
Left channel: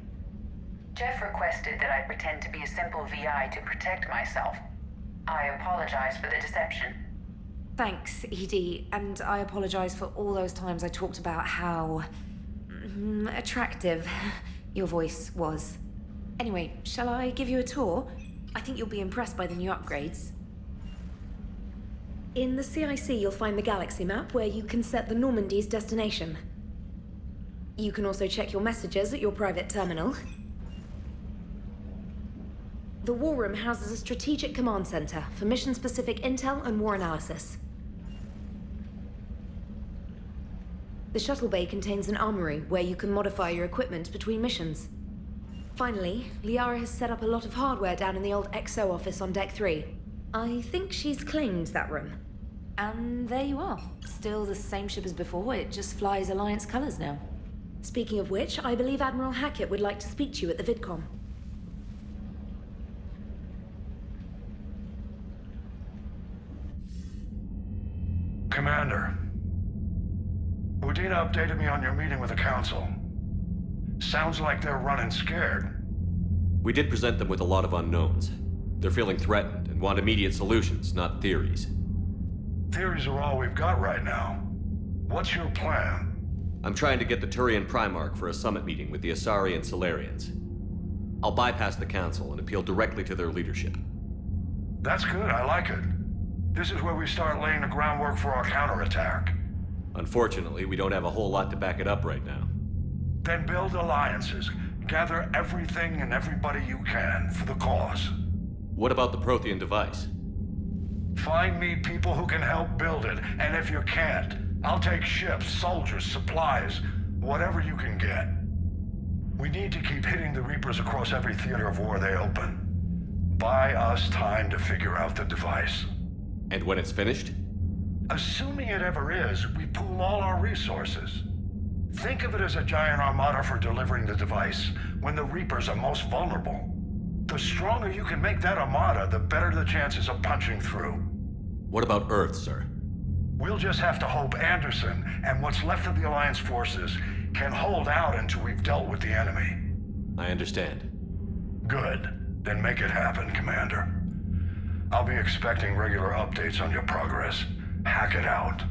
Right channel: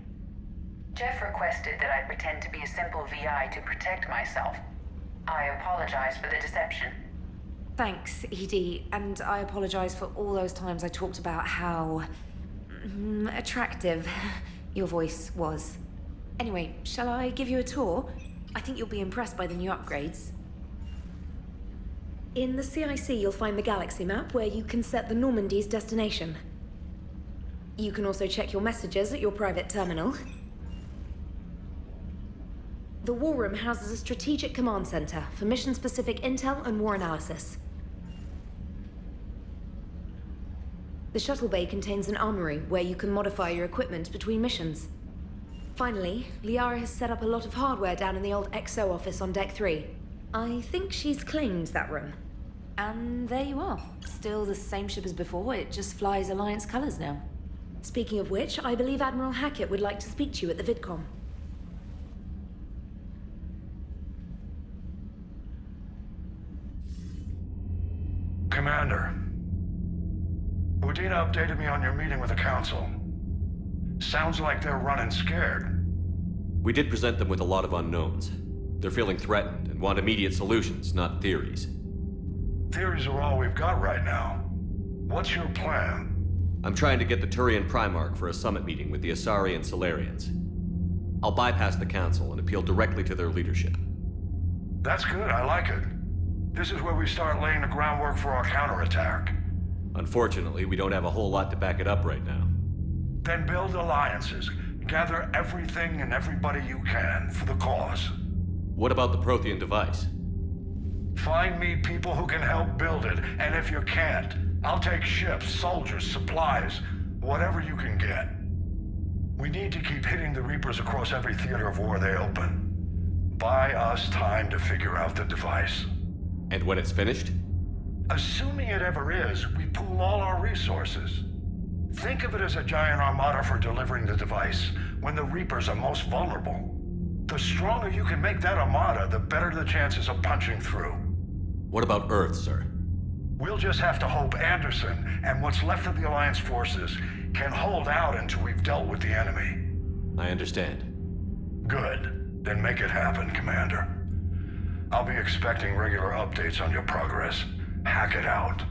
Jeff requested that I pretend to be a simple VI to protect myself. I apologize for the deception. Thanks, Edie, and I apologize for all those times I talked about how... attractive your voice was. Anyway, shall I give you a tour? I think you'll be impressed by the new upgrades. In the CIC, you'll find the galaxy map where you can set the Normandy's destination. You can also check your messages at your private terminal. The War Room houses a strategic command center for mission-specific intel and war analysis. The shuttle bay contains an armory where you can modify your equipment between missions. Finally, Liara has set up a lot of hardware down in the old XO office on Deck 3. I think she's claimed that room. And there you are. Still the same ship as before, it just flies Alliance colors now. Speaking of which, I believe Admiral Hackett would like to speak to you at the VidCom. Commander, Udina updated me on your meeting with the Council. Sounds like they're running scared. We did present them with a lot of unknowns. They're feeling threatened and want immediate solutions, not theories. Theories are all we've got right now. What's your plan? I'm trying to get the Turian Primarch for a summit meeting with the Asari and Solarians. I'll bypass the Council and appeal directly to their leadership. That's good, I like it. This is where we start laying the groundwork for our counterattack. Unfortunately, we don't have a whole lot to back it up right now. Then build alliances. Gather everything and everybody you can for the cause. What about the Prothean device? Find me people who can help build it, and if you can't, I'll take ships, soldiers, supplies, whatever you can get. We need to keep hitting the Reapers across every theater of war they open. Buy us time to figure out the device. And when it's finished? Assuming it ever is, we pool all our resources. Think of it as a giant armada for delivering the device when the Reapers are most vulnerable. The stronger you can make that armada, the better the chances of punching through. What about Earth, sir? We'll just have to hope Anderson and what's left of the Alliance forces can hold out until we've dealt with the enemy. I understand. Good. Then make it happen, Commander. I'll be expecting regular updates on your progress. Hack it out.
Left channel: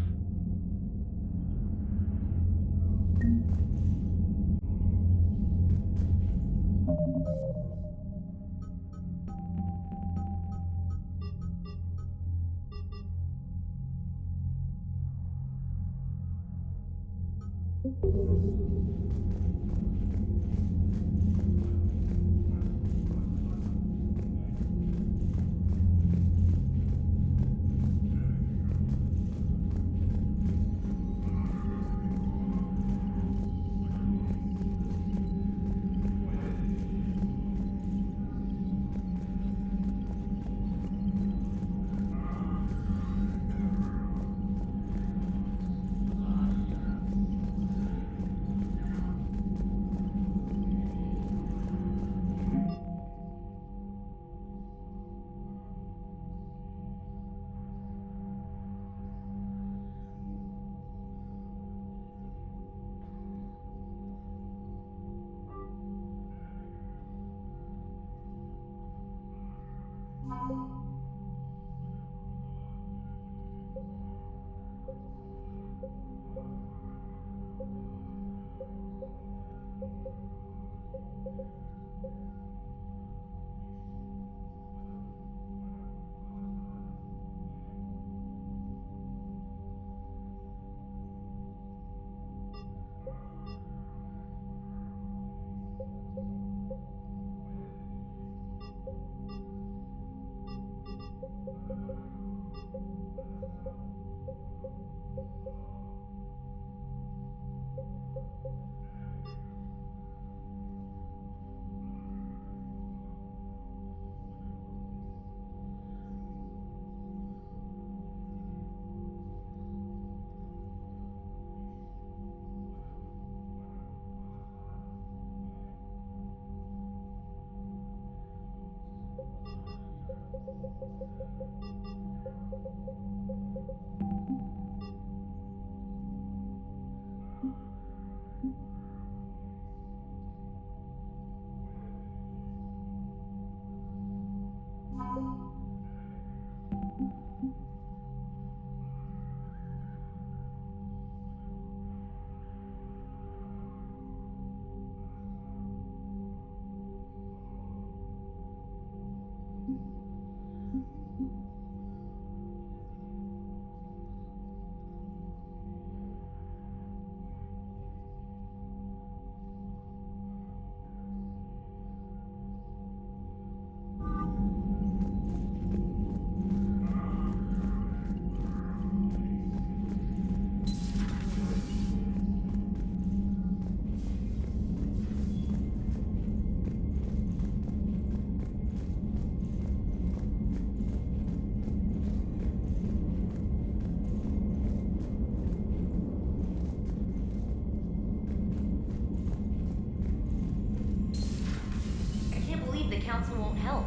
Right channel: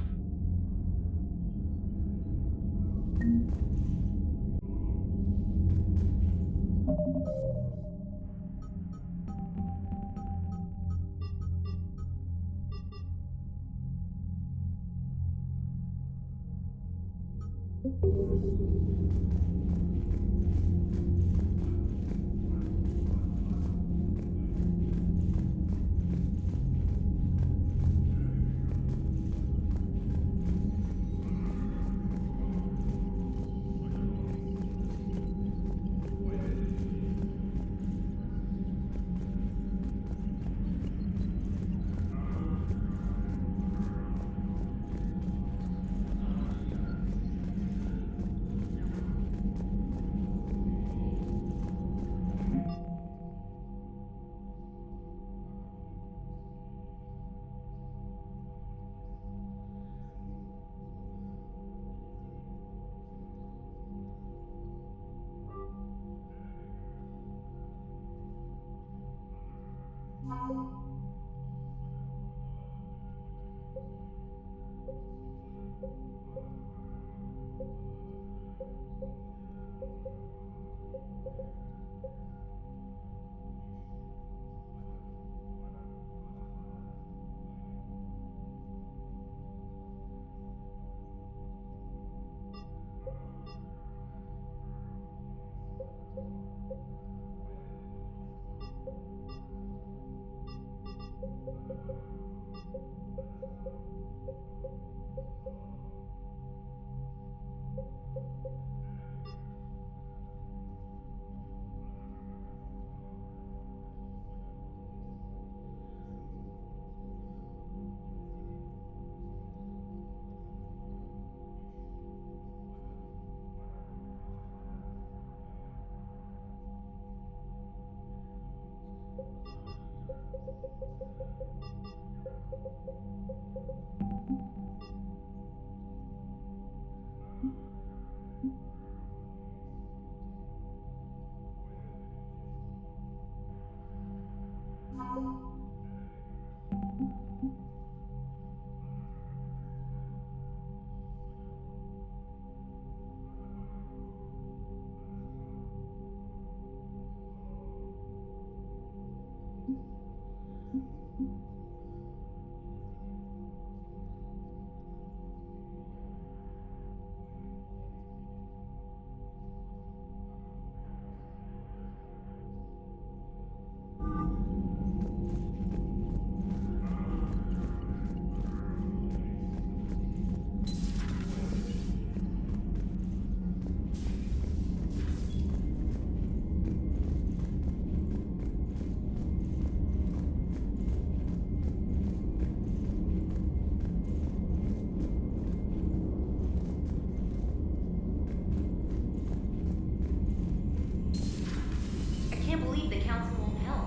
The council won't help.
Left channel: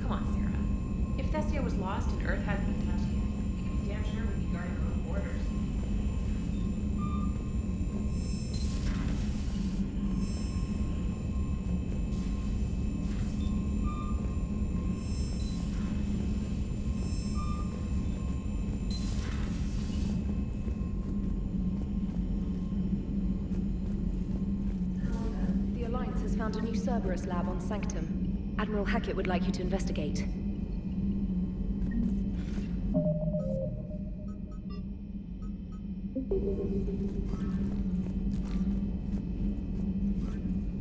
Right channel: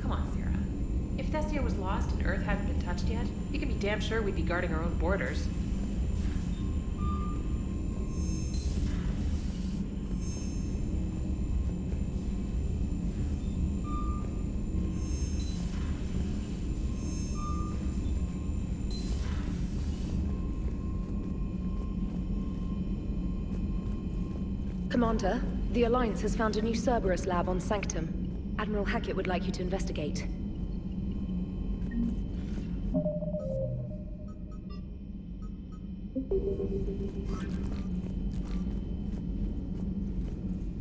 Come on, Sarah. If Thestia was lost and Earth hadn't been touched yet, you could be damn sure we'd be guarding our own borders. Commander, the Alliance has found a new Cerberus lab on Sanctum. Admiral Hackett would like you to investigate.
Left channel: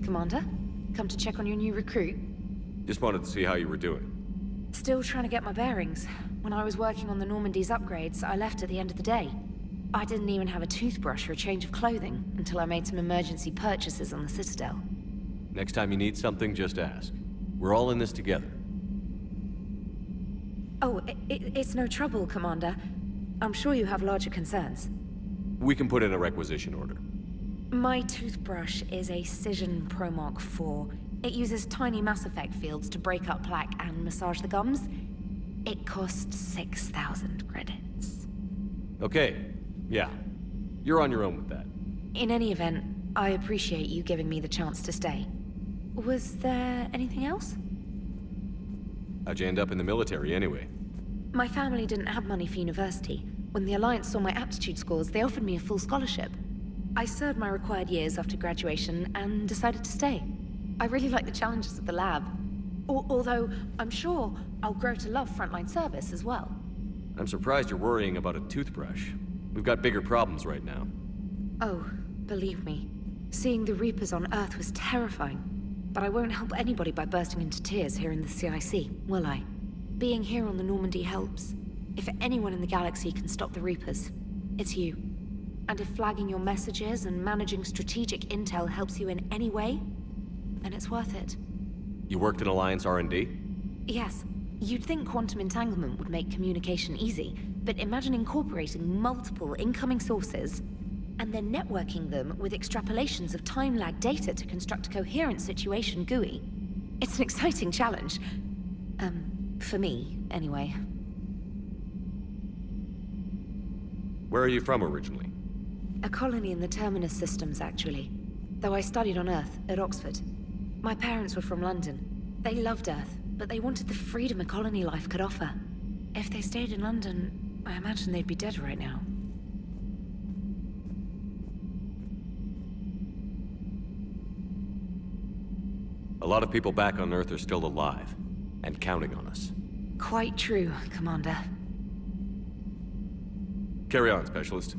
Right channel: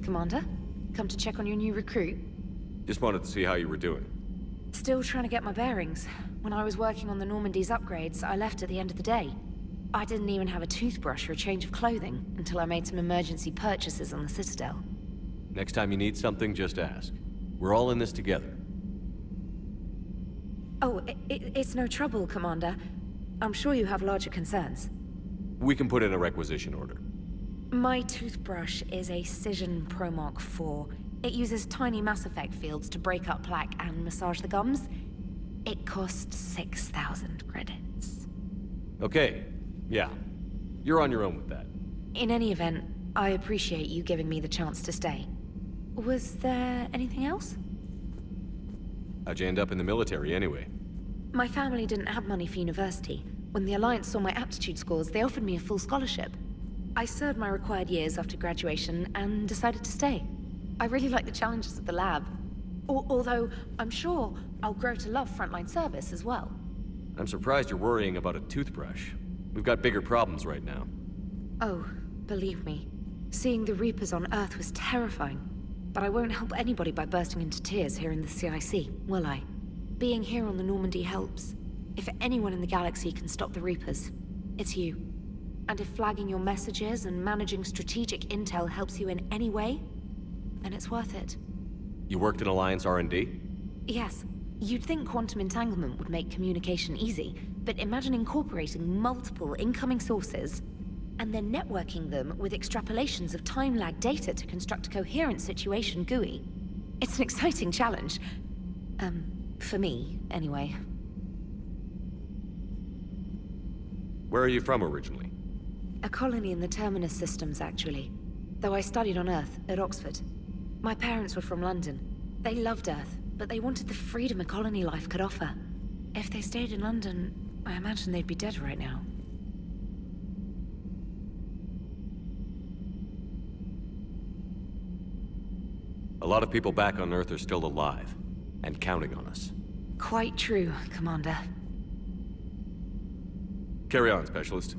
Commander, come to check on your new recruit? Just wanted to see how you were doing. Still trying to get my bearings. When I was working on the Normandy's upgrades, I left at the end of the day. I didn't even have a toothbrush or a change of clothing until I made some emergency purchases on the Citadel. Next time you need something, just ask. We're all in this together. Oh, it's no trouble, Commander. I'm sure you have larger concerns. We can put in a requisition order. My toothbrush is a Cision Pro Mark IV. It uses tiny Mass Effect fields to break up plaque and massage the gums. It costs 6,000 credits. Okay, yeah. You're on your own with that. In any event, I appreciate you giving me the chance to stay. Was there anything else? How'd you end up in the military anyway? My family didn't have money for university. When the Alliance saw my aptitude scores, they offered me a full scholarship. I served my required years after graduation and decided to stay. I really like the challenges of the lab. Although, I'm sure I'll grow to love frontline service as well. I'm surprised you're worrying about a toothbrush. We've got bigger problems right now. Oh, believe me. Seeing the Reapers on Earth was terrifying. But I won't help anybody by bursting into tears here in the CIC, will I? Being here on the Normandy helps. If anyone in the galaxy can stop the Reapers, it's you. And if flagging your messages and managing strategic intel helps you in any way, then it's worth it. You worked in Alliance R&D? Yes. You'd think quantum entanglement would make communication easy, but imagine incorporating multiple incoming sources and then networking them with extrapolations of time-lag data to construct a coherent situation GUI. It's an exciting challenge. For me, anyway. Where are you from originally? A colony in the Terminus systems, actually. Though I studied on Earth, at Oxford. My parents were from London. They loved Earth, but they wanted the freedom a colony life could offer. If they stayed in London, I imagine they'd be dead right now. A lot of people back on Earth are still alive, and counting on us. Quite true, Commander. Carry on, Specialist.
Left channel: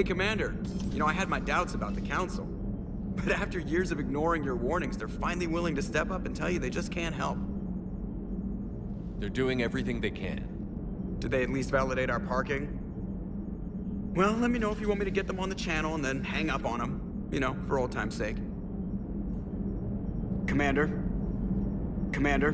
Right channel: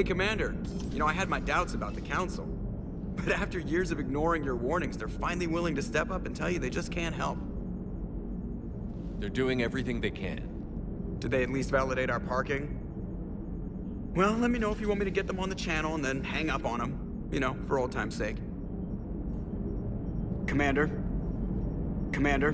Hey, Commander. You know, I had my doubts about the Council. But after years of ignoring your warnings, they're finally willing to step up and tell you they just can't help. They're doing everything they can. Did they at least validate our parking? Well, let me know if you want me to get them on the channel and then hang up on them. You know, for old time's sake. Commander? Commander?